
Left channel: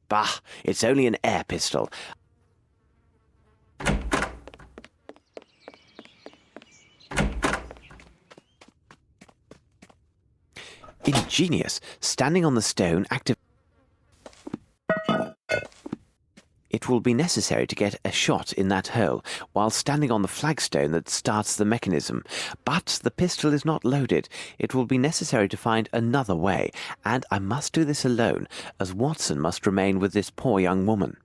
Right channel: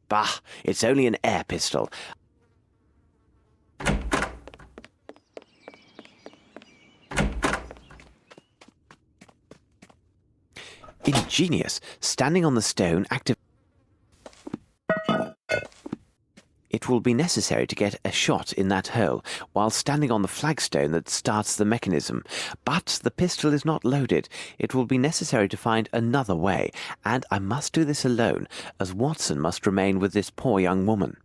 Bah, it's only an air pistol. Ingenious. Standing on the stone active. It will be necessary to get a shot in that hole while standing on the flagstone that starts the mechanism. But the pistol is not loaded. It will be necessary to find another way, and I must do this alone, as Watson must remain with this poor young woman.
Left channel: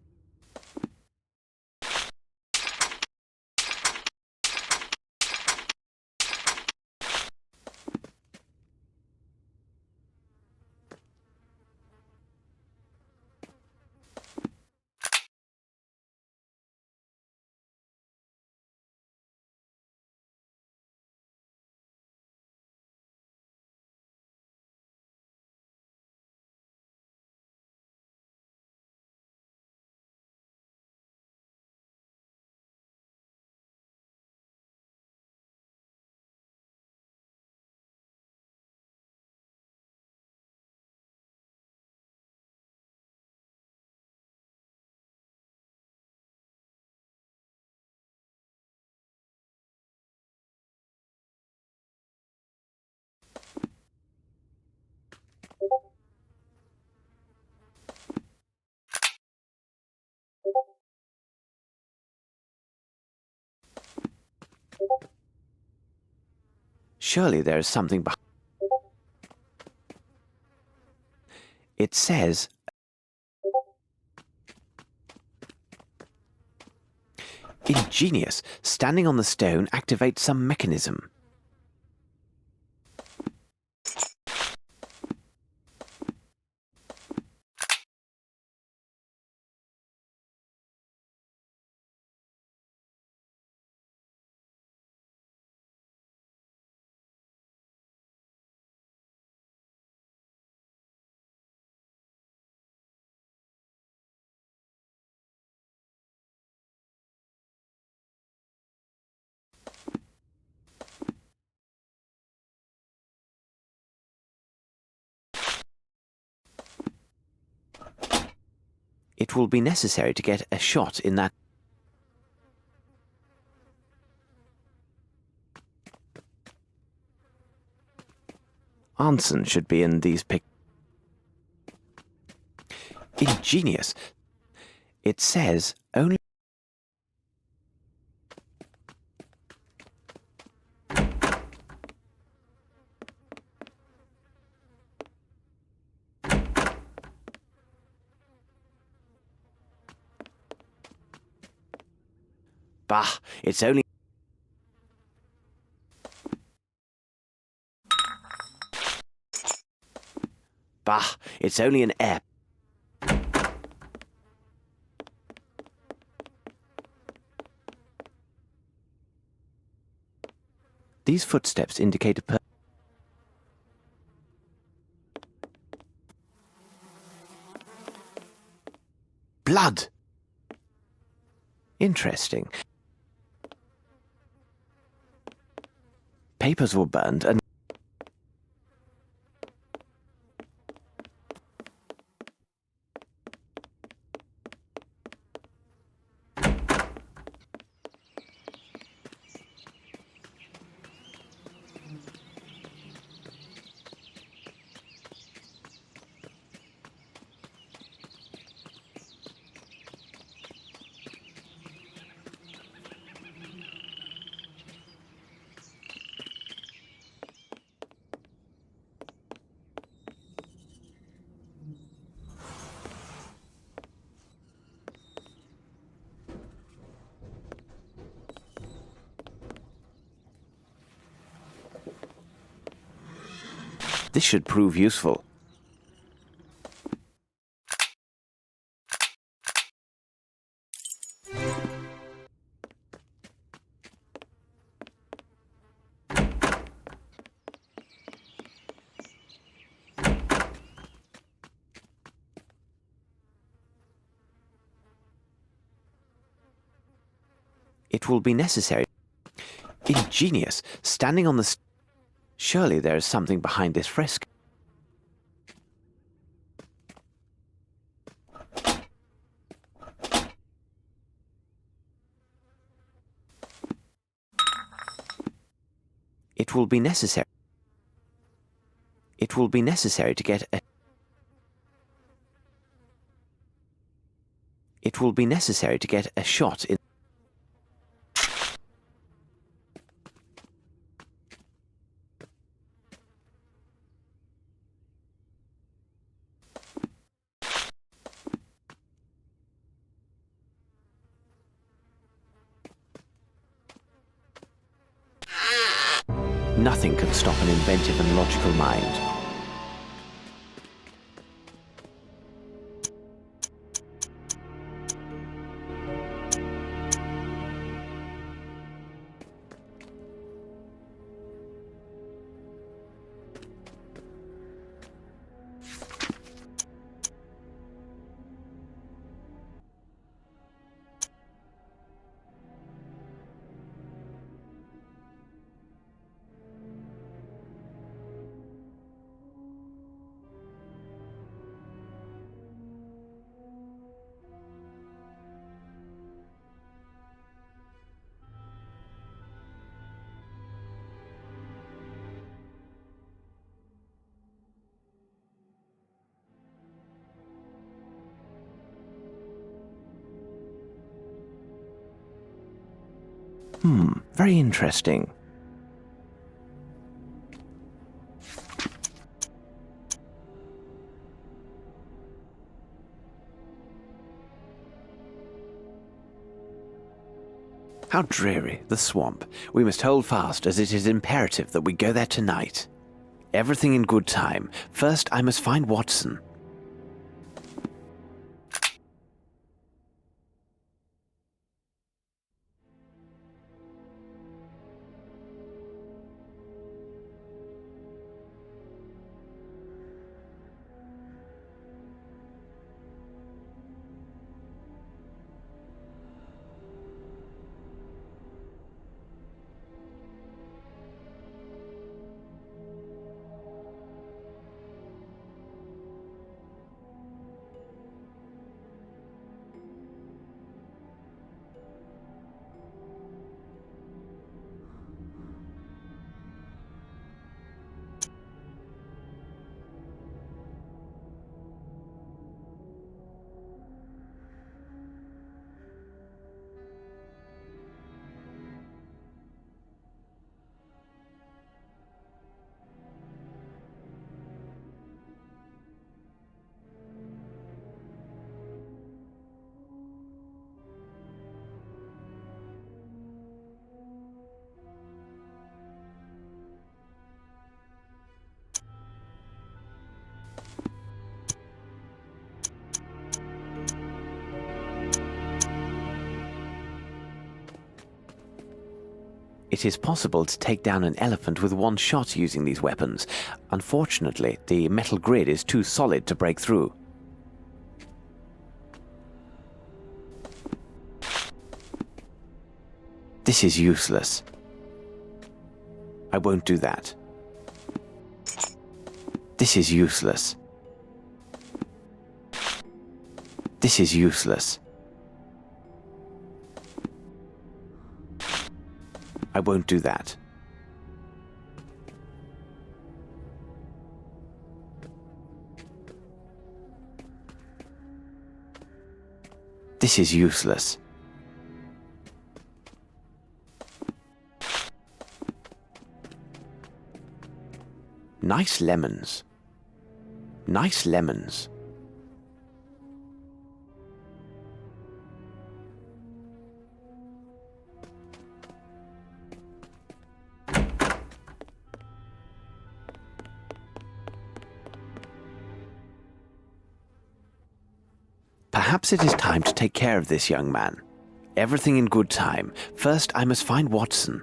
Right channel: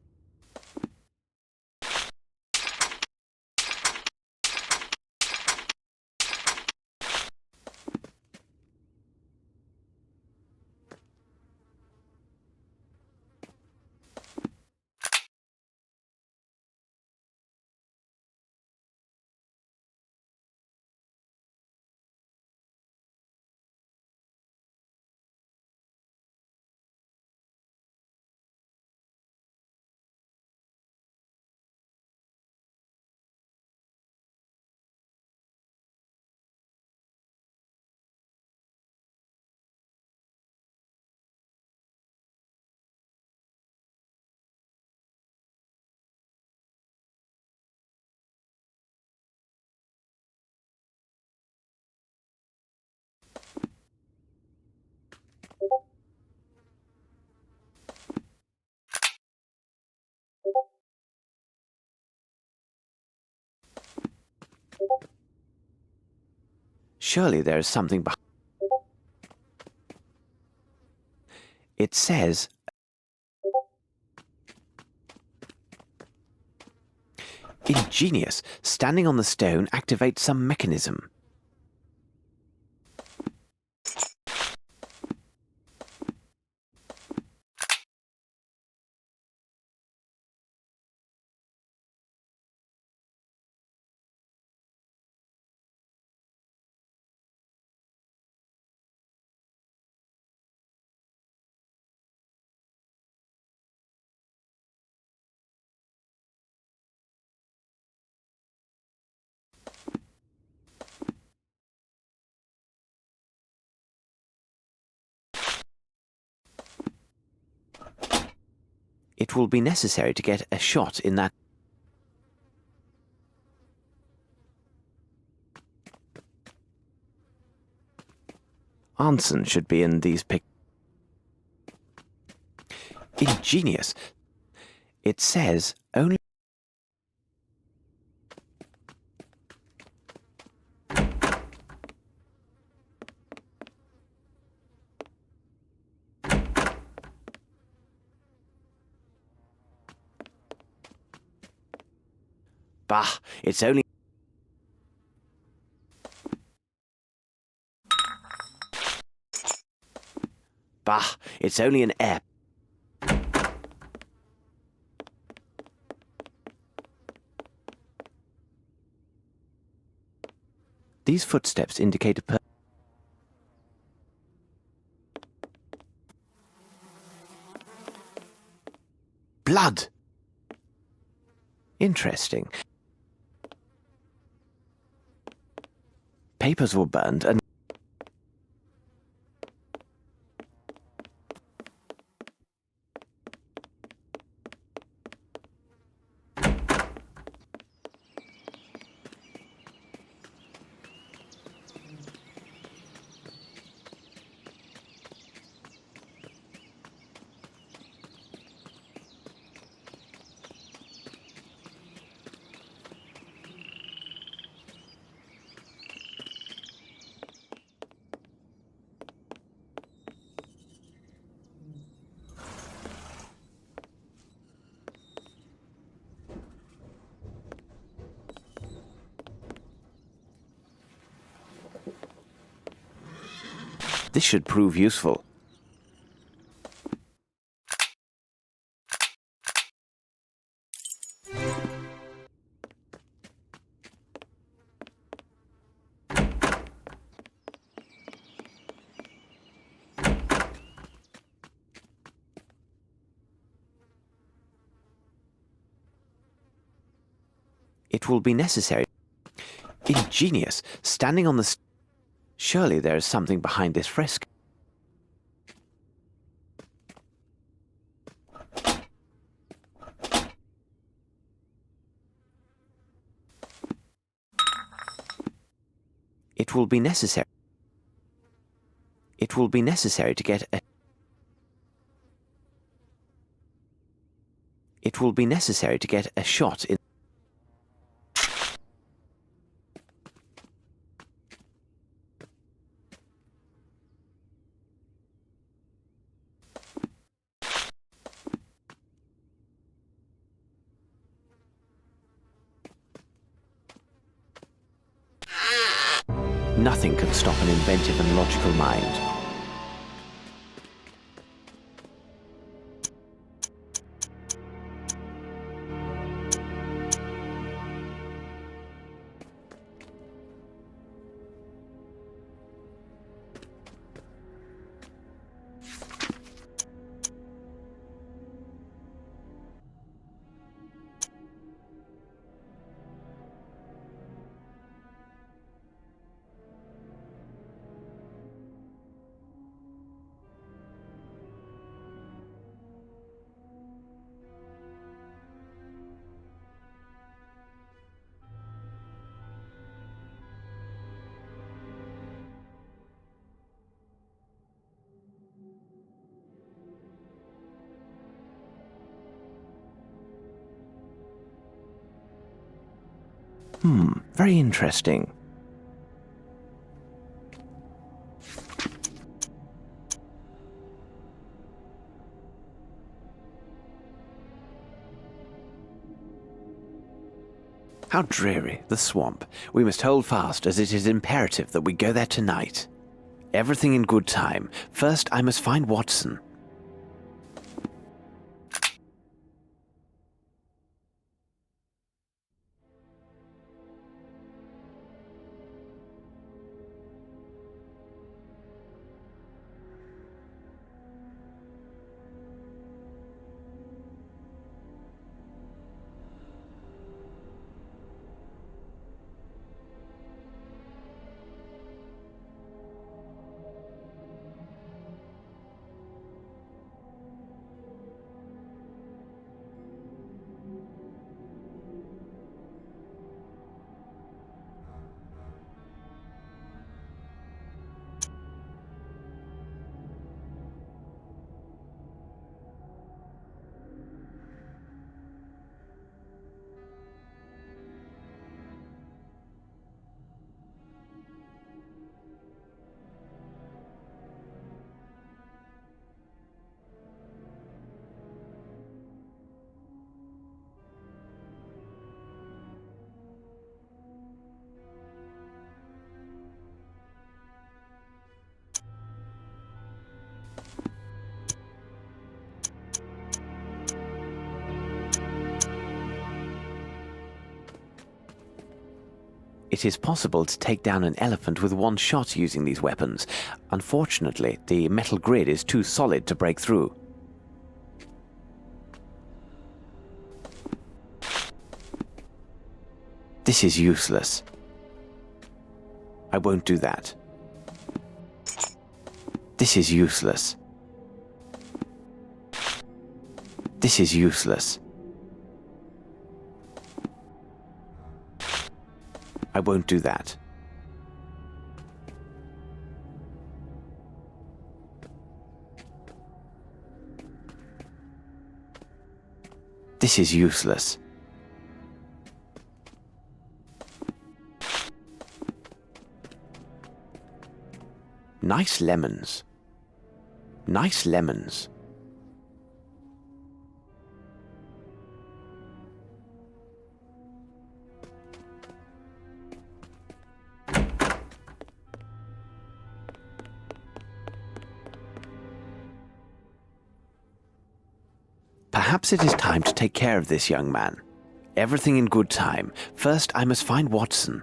Surely there is something behind. It says, ingenious. Standing on the stone activates some mechanism. It will be necessary to get a shot in that. Anson should be in these pic. Ingenious. It says only. Bah, it's only. Bah, it's only an air. These footsteps indicate a blood. Interesting. Papers were burned and this should prove useful. It will be necessary. Ingenious. Standing on the. Surely there is something behind this fresco. It will be necessary. It will be necessary to get a. It will be necessary to get a shot in. Nothing can stop an inventive and logical mind. Very interesting. How dreary, the swamp. We must hold fast, as it is imperative that we go there tonight. Everything in good time. First, I must find Watson. It is possible to take down an elephant with one shot using these weapons. Unfortunately, the metal grid is too solid to break through. This is useless. I won't do that. This is useless. This is useless. I won't do that. This is useless. Nice lemons. Nice lemons. Perhaps it is time to take care of this young man. Everything in good time. First, I must find Watson.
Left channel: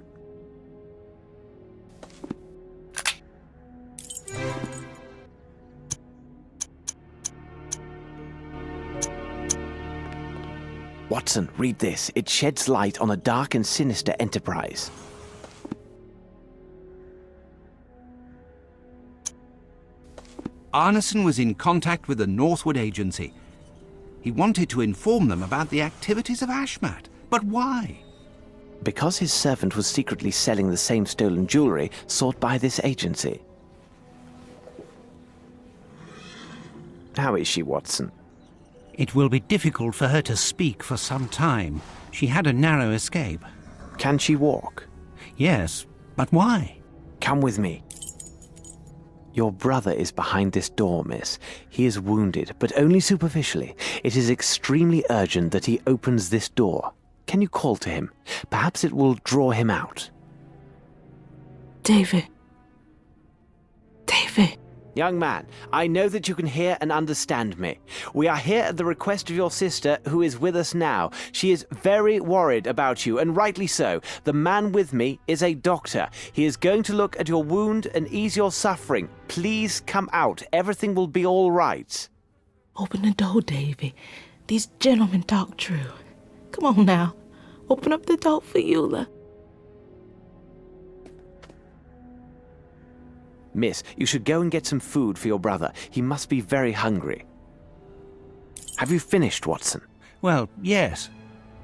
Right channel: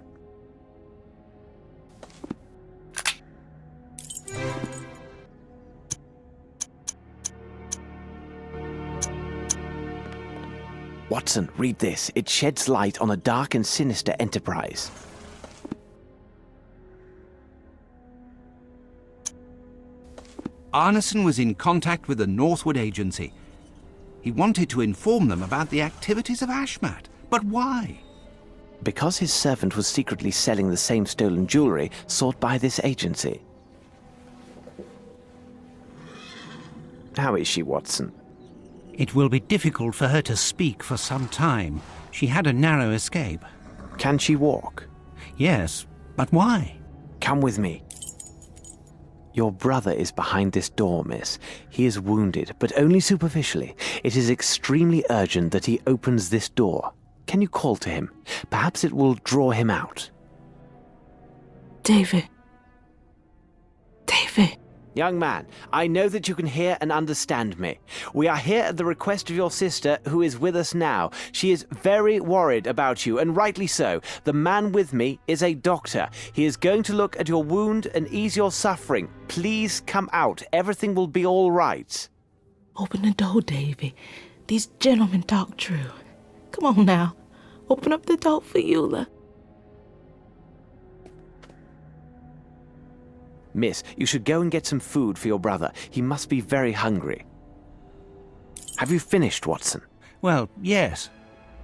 Watson, read this. It sheds light on a dark and sinister enterprise. Arneson was in contact with the Northwood Agency. He wanted to inform them about the activities of Ashmat. But why? Because his servant was secretly selling the same stolen jewelry sought by this agency. How is she, Watson? It will be difficult for her to speak for some time. She had a narrow escape. Can she walk? Yes, but why? Come with me. Your brother is behind this door, miss. He is wounded, but only superficially. It is extremely urgent that he opens this door. Can you call to him? Perhaps it will draw him out. David. David. Young man, I know that you can hear and understand me. We are here at the request of your sister, who is with us now. She is very worried about you, and rightly so. The man with me is a doctor. He is going to look at your wound and ease your suffering. Please come out. Everything will be all right. Open the door, Davy. These gentlemen talk true. Come on now. Open up the door for Eula. Miss, you should go and get some food for your brother. He must be very hungry. Have you finished, Watson? Well, yes.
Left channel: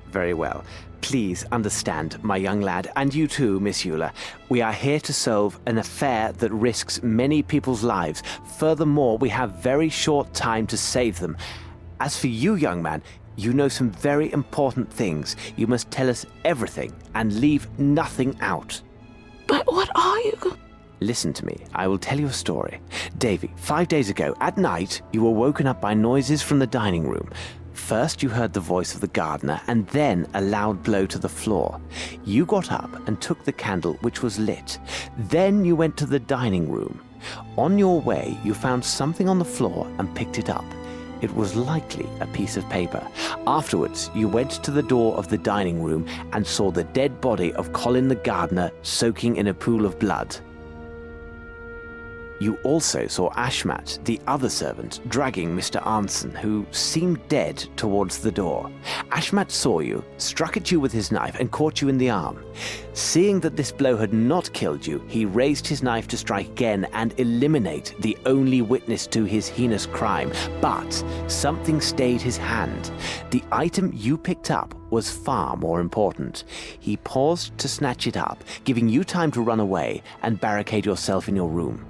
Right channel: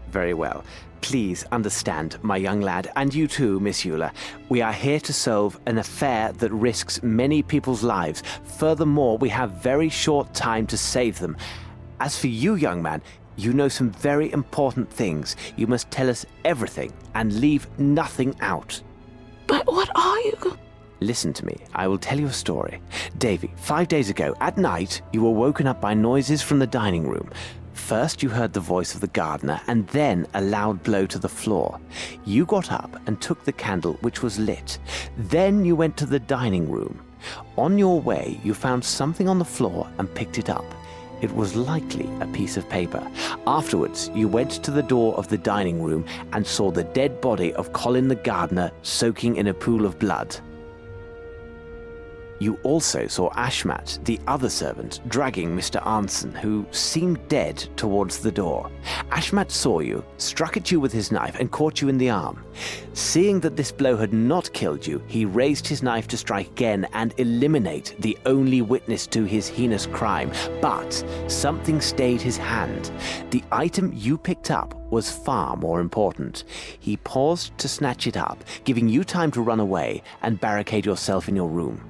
Very well. Please understand, my young lad, and you too, Miss Eula. We are here to solve an affair that risks many people's lives. Furthermore, we have very short time to save them. As for you, young man, you know some very important things. You must tell us everything and leave nothing out. But what are you Listen to me. I will tell you a story. Davy, 5 days ago, at night, you were woken up by noises from the dining room. First you heard the voice of the gardener and then a loud blow to the floor. You got up and took the candle, which was lit. Then you went to the dining room. On your way you found something on the floor and picked it up. It was likely a piece of paper. Afterwards you went to the door of the dining room and saw the dead body of Colin the gardener soaking in a pool of blood. You also saw Ashmat, the other servant, dragging Mr. Arnson, who seemed dead, towards the door. Ashmat saw you, struck at you with his knife, and caught you in the arm. Seeing that this blow had not killed you, he raised his knife to strike again and eliminate the only witness to his heinous crime. But something stayed his hand. The item you picked up was far more important. He paused to snatch it up, giving you time to run away and barricade yourself in your room.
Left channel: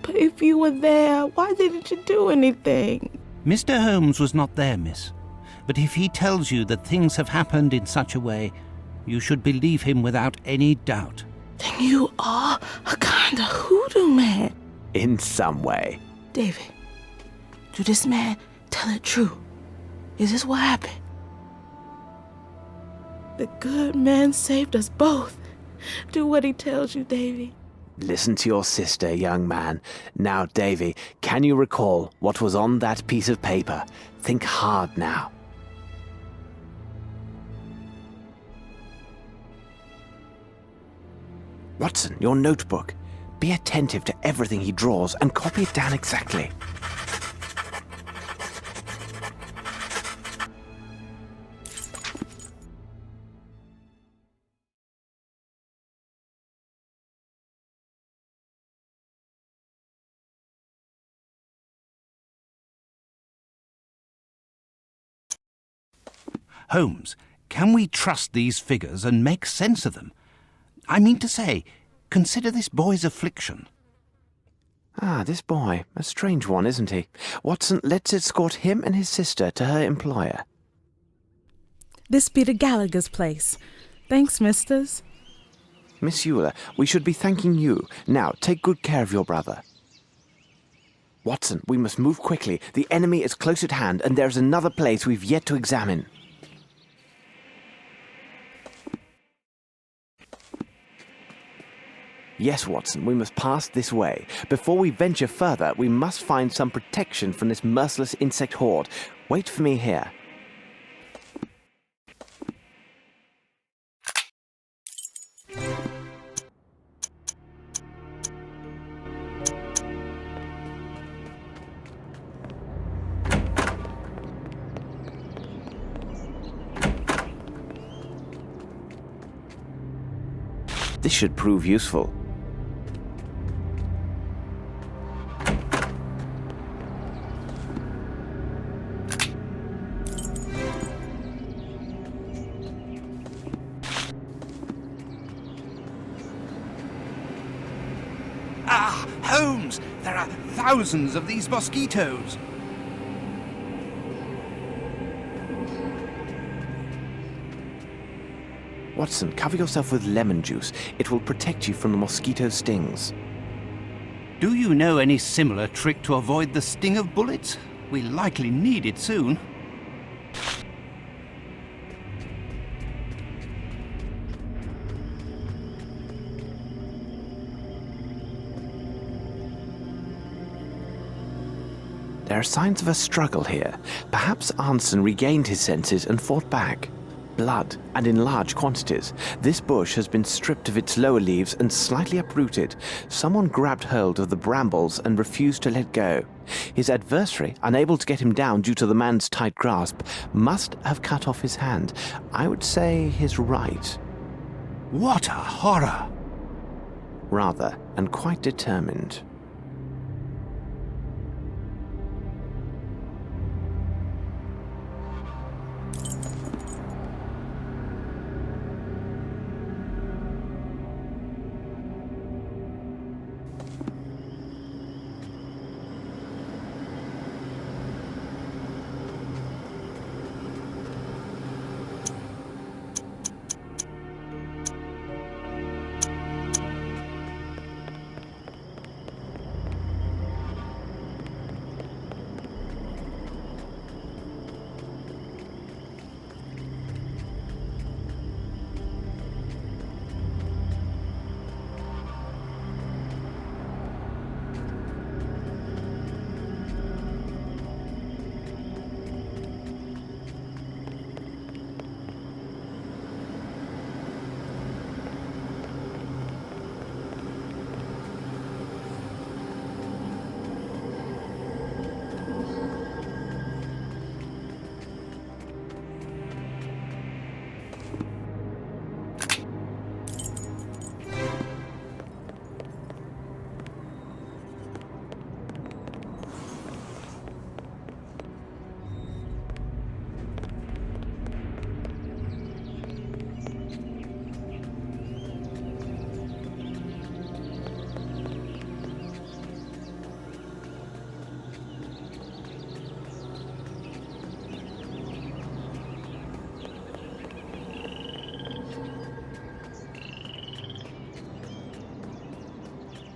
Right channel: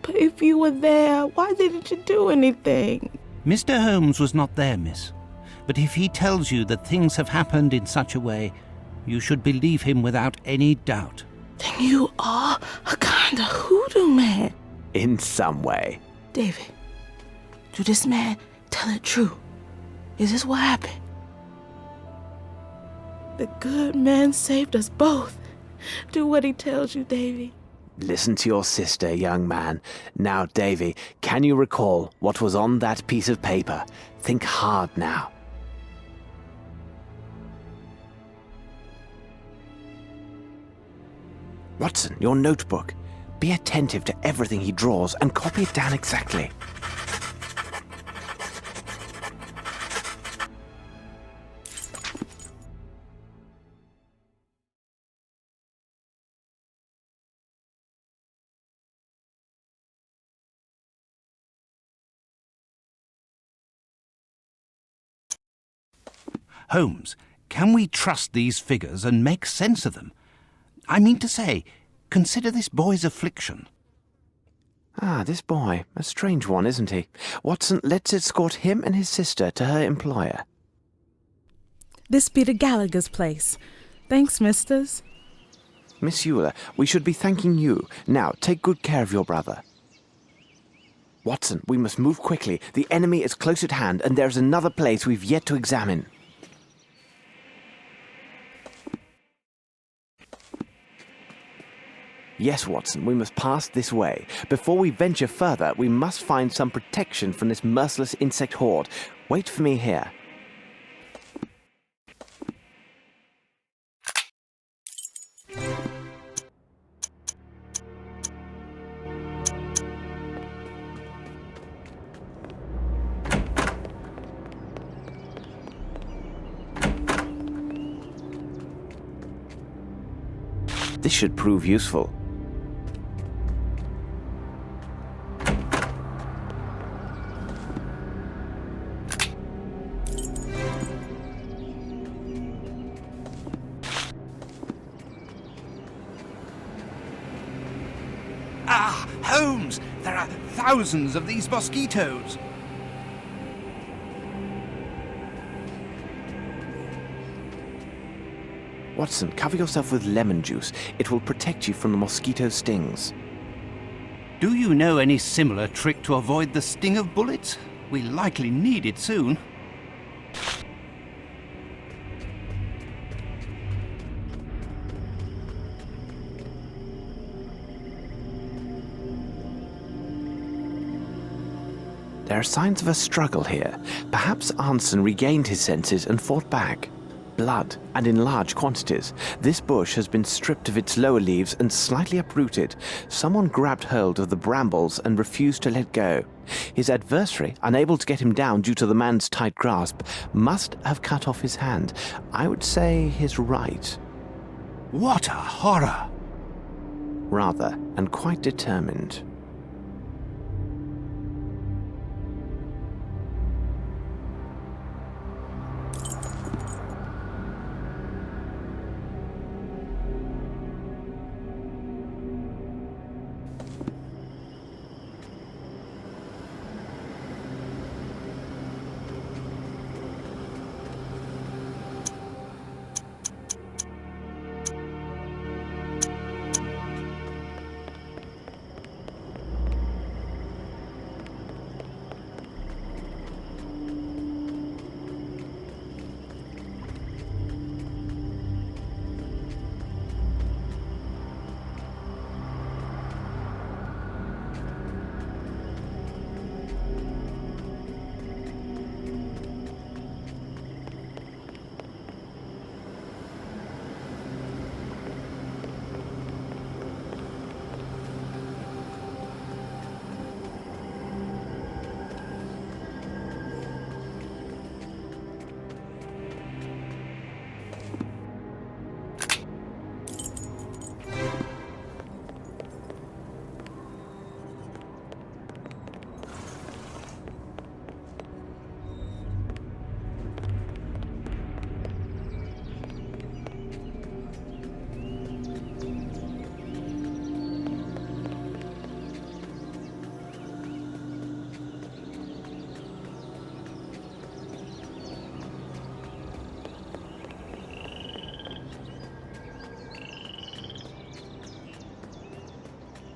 But if you were there, why didn't you do anything? Mr. Holmes was not there, miss. But if he tells you that things have happened in such a way, you should believe him without any doubt. Then you are a kind of hoodoo man. In some way. David, do this man tell it true? Is this what happened? The good man saved us both. Do what he tells you, Davy. Listen to your sister, young man. Now, Davy, can you recall what was on that piece of paper? Think hard now. Watson, your notebook. Be attentive to everything he draws and copy it down exactly. Holmes, can we trust these figures and make sense of them? I mean to say, consider this boy's affliction. Ah, this boy. A strange one, isn't he? Watson, let's escort him and his sister to her employer. This be the Gallagher's place. Thanks, misters. Miss Euler, we should be thanking you. Now, take good care of your brother. Watson, we must move quickly. The enemy is close at hand, and there's another place we've yet to examine. Yes, Watson, we must pass this way. Before we venture further, we must find some protection from this merciless insect horde. Wait for me here. This should prove useful. Ah, Holmes! There are thousands of these mosquitoes. Watson, cover yourself with lemon juice. It will protect you from the mosquito stings. Do you know any similar trick to avoid the sting of bullets? We likely need it soon. There are signs of a struggle here. Perhaps Arnson regained his senses and fought back. Blood, and in large quantities. This bush has been stripped of its lower leaves and slightly uprooted. Someone grabbed hold of the brambles and refused to let go. His adversary, unable to get him down due to the man's tight grasp, must have cut off his hand. I would say his right. What a horror! Rather, and quite determined.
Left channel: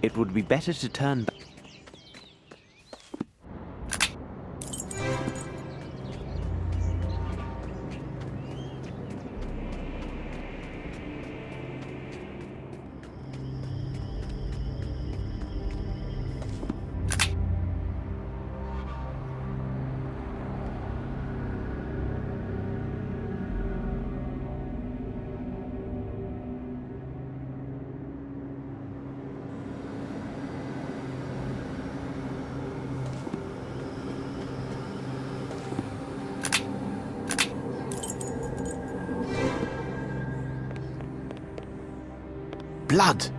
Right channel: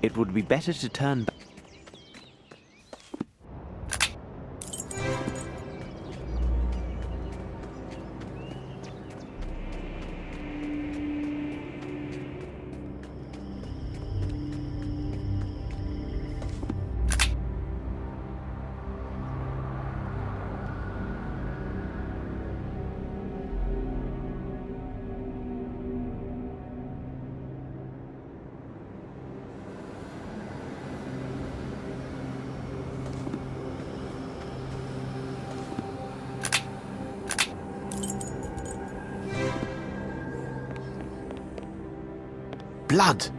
It would be better to turn back. Blood!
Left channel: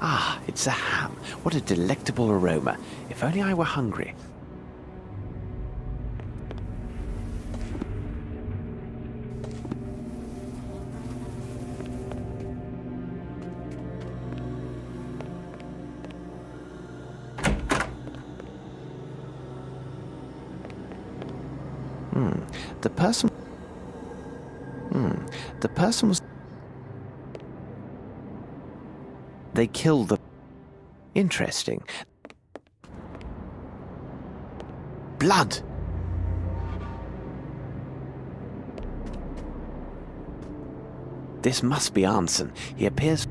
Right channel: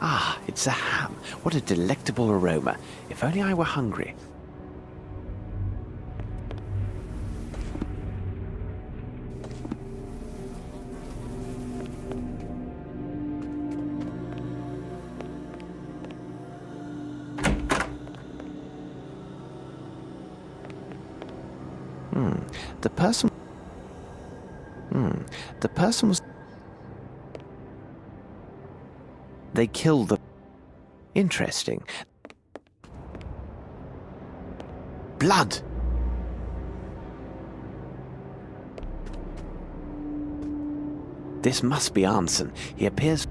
Ah, it's a ham. What a delectable aroma. If only I were hungry. The person... The person was... They killed the... Interesting. Blood! This must be Arnson. He appears...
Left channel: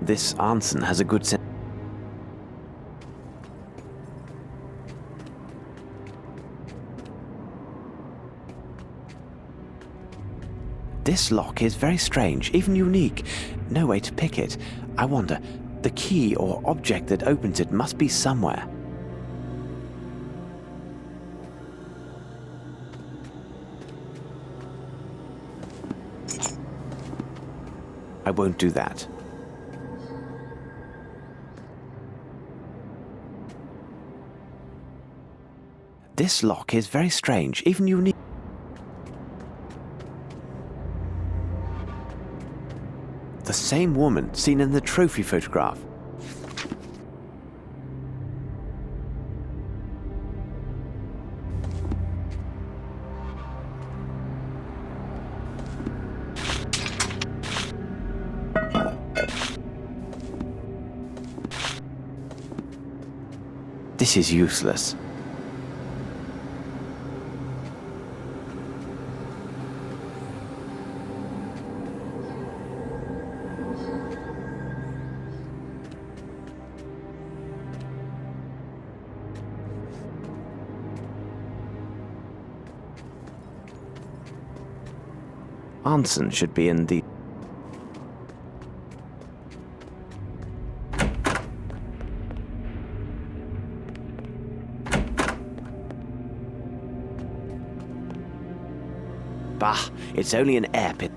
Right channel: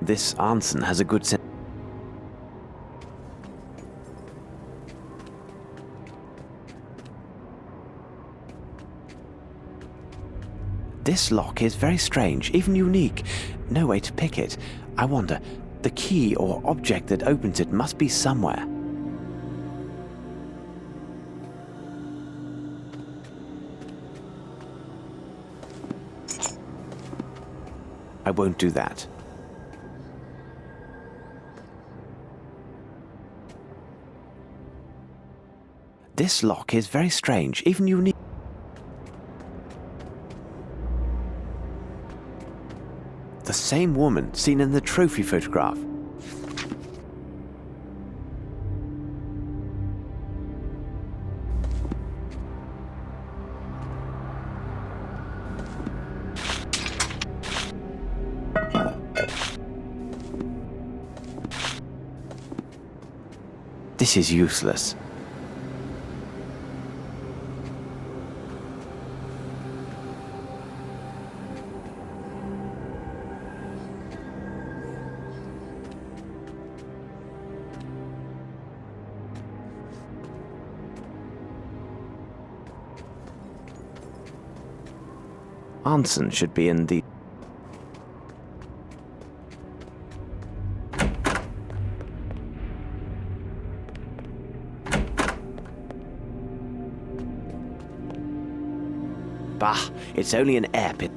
This Arnson has a good sense. This lock is very strange, even unique. No way to pick it. I wonder, the key or object that opens it must be somewhere. I won't do that. This lock is very strange, even unique. The same woman seen in the trophy photograph. This is useless. Arnson should be in the... Bah, it's only an air pit.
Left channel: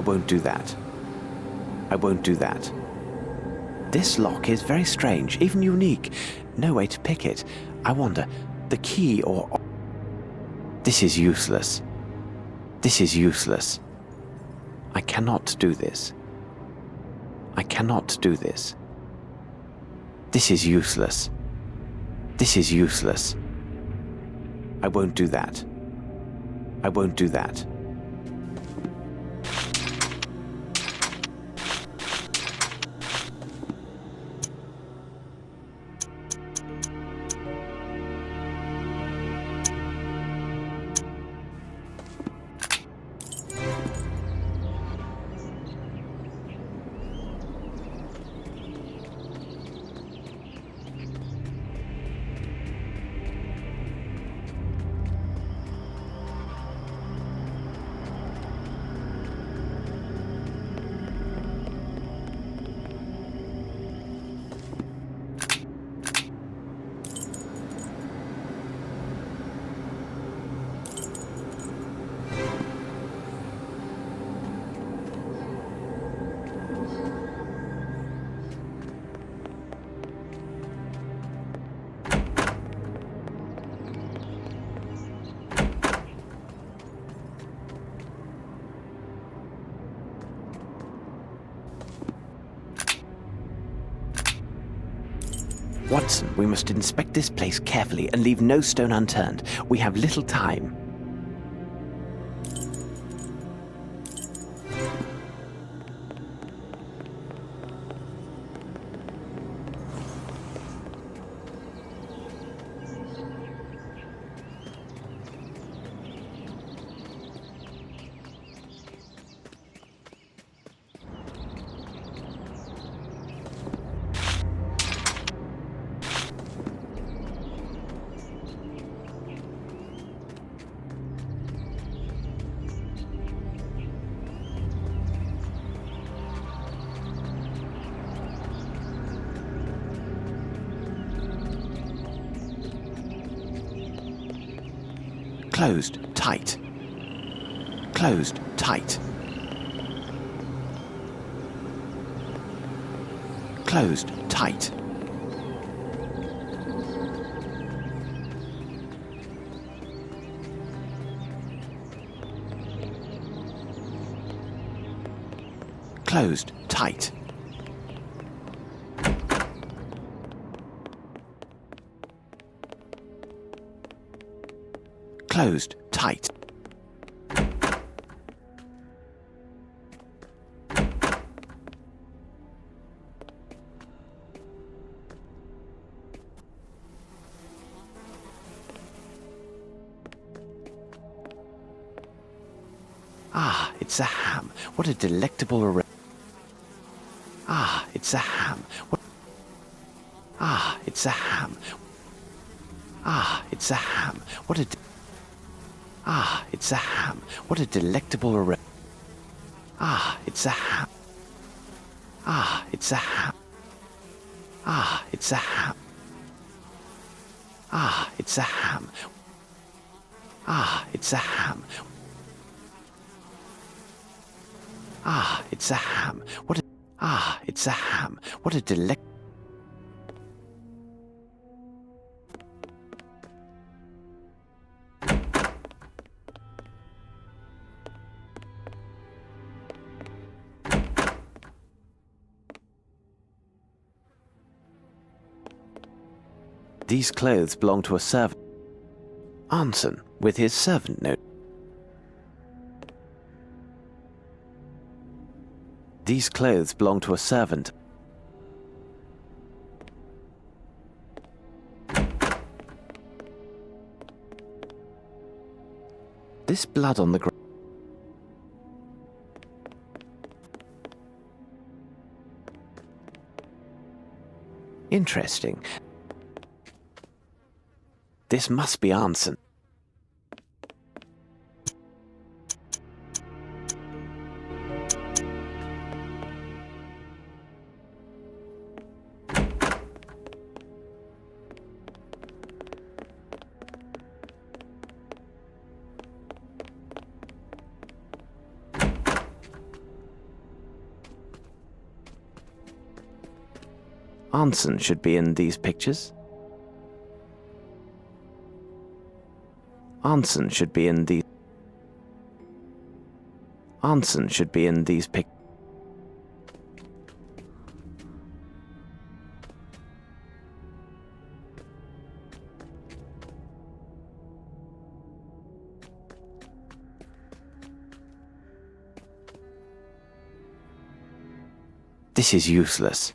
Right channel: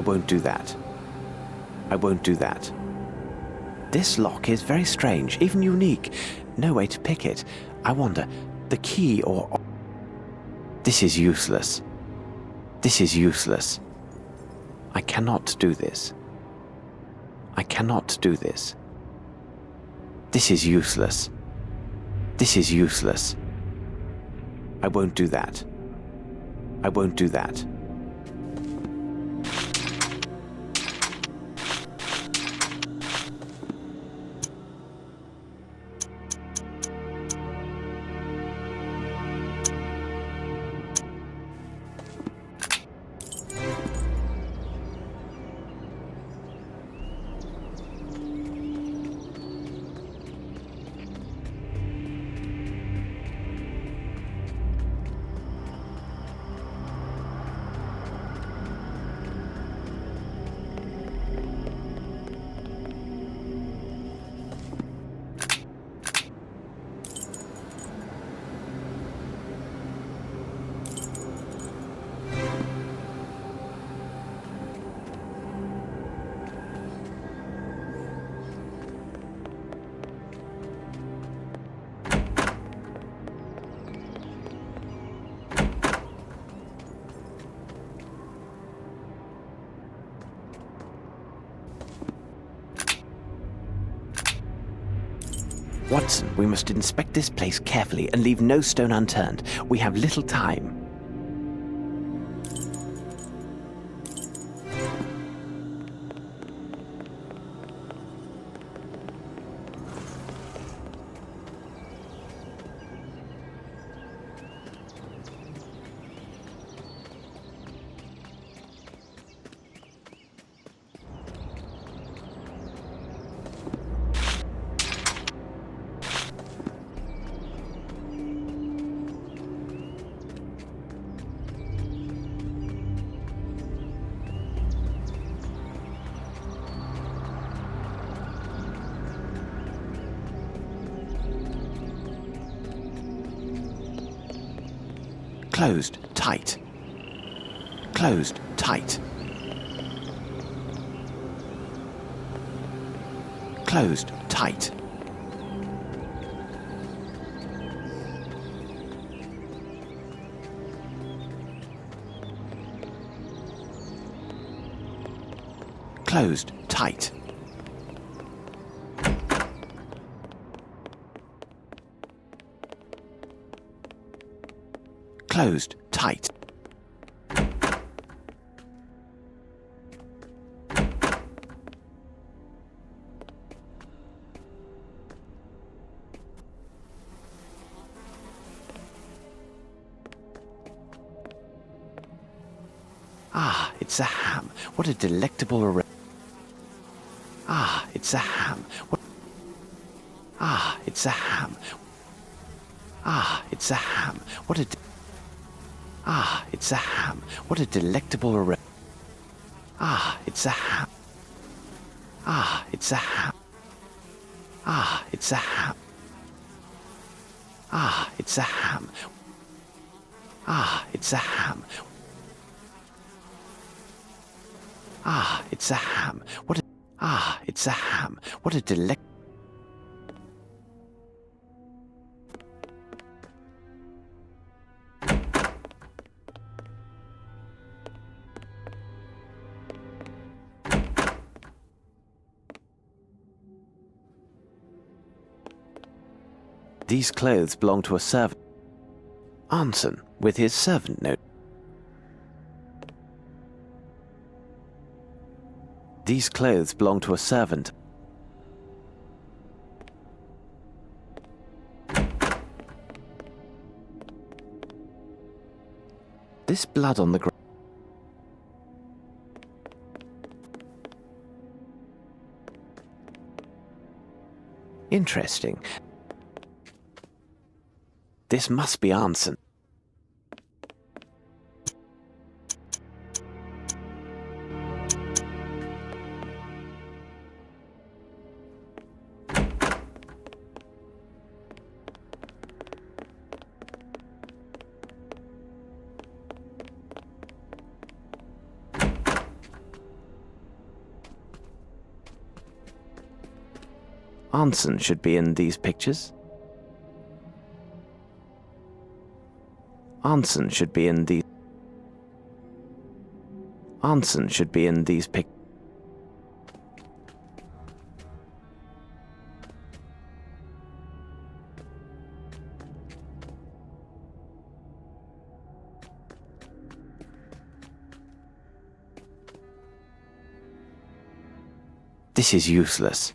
I won't do that. I won't do that. This lock is very strange, even unique. No way to pick it. I wonder, the key or... This is useless. This is useless. I cannot do this. I cannot do this. This is useless. This is useless. I won't do that. I won't do that. Watson, we must inspect this place carefully and leave no stone unturned. We have little time. Closed tight. Closed tight. Closed tight. Closed tight. Closed tight. Ah, it's a ham. What a delectable array. Ah, it's a ham. What? Ah, it's a ham. Ah, it's a ham. What a... Ah, it's a ham. What a delectable array. Ah, it's a ham. Ah, it's a ham. Ah, it's a ham. Ah, it's a ham. Ah, it's a ham. Ah, it's a ham. What a... Ah, it's a ham. What a delect... These clothes belong to a servant. Anson, with his servant note. These clothes belong to a servant. This blood on the ground. Interesting. This must be Anson. Arnson should be in these pictures. Arnson should be in these. Arnson should be in these pictures. This is useless.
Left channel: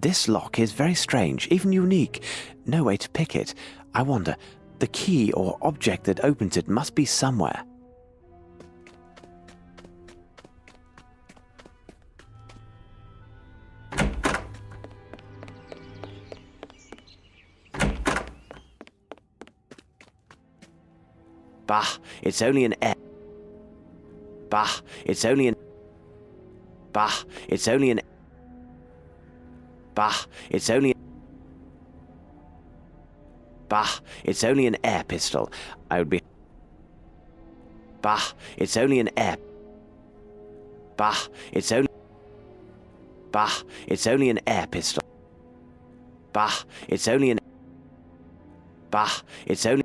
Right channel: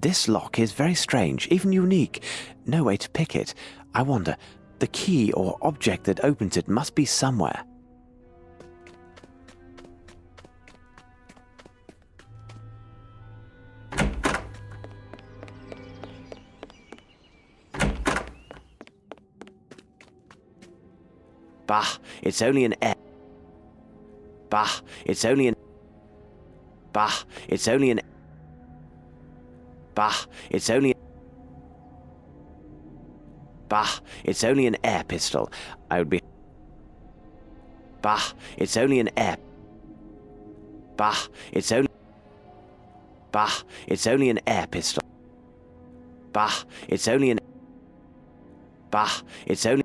This lock is very strange, even unique. No way to pick it. I wonder, the key or object that opens it must be somewhere. Bah, it's only an air. Bah, it's only an. Bah, it's only an. Bah, it's only. Bah, it's only an air pistol. I would be. Bah, it's only an air. Bah, it's only. Bah, it's only an air pistol. Bah, it's only an. Bah, it's only.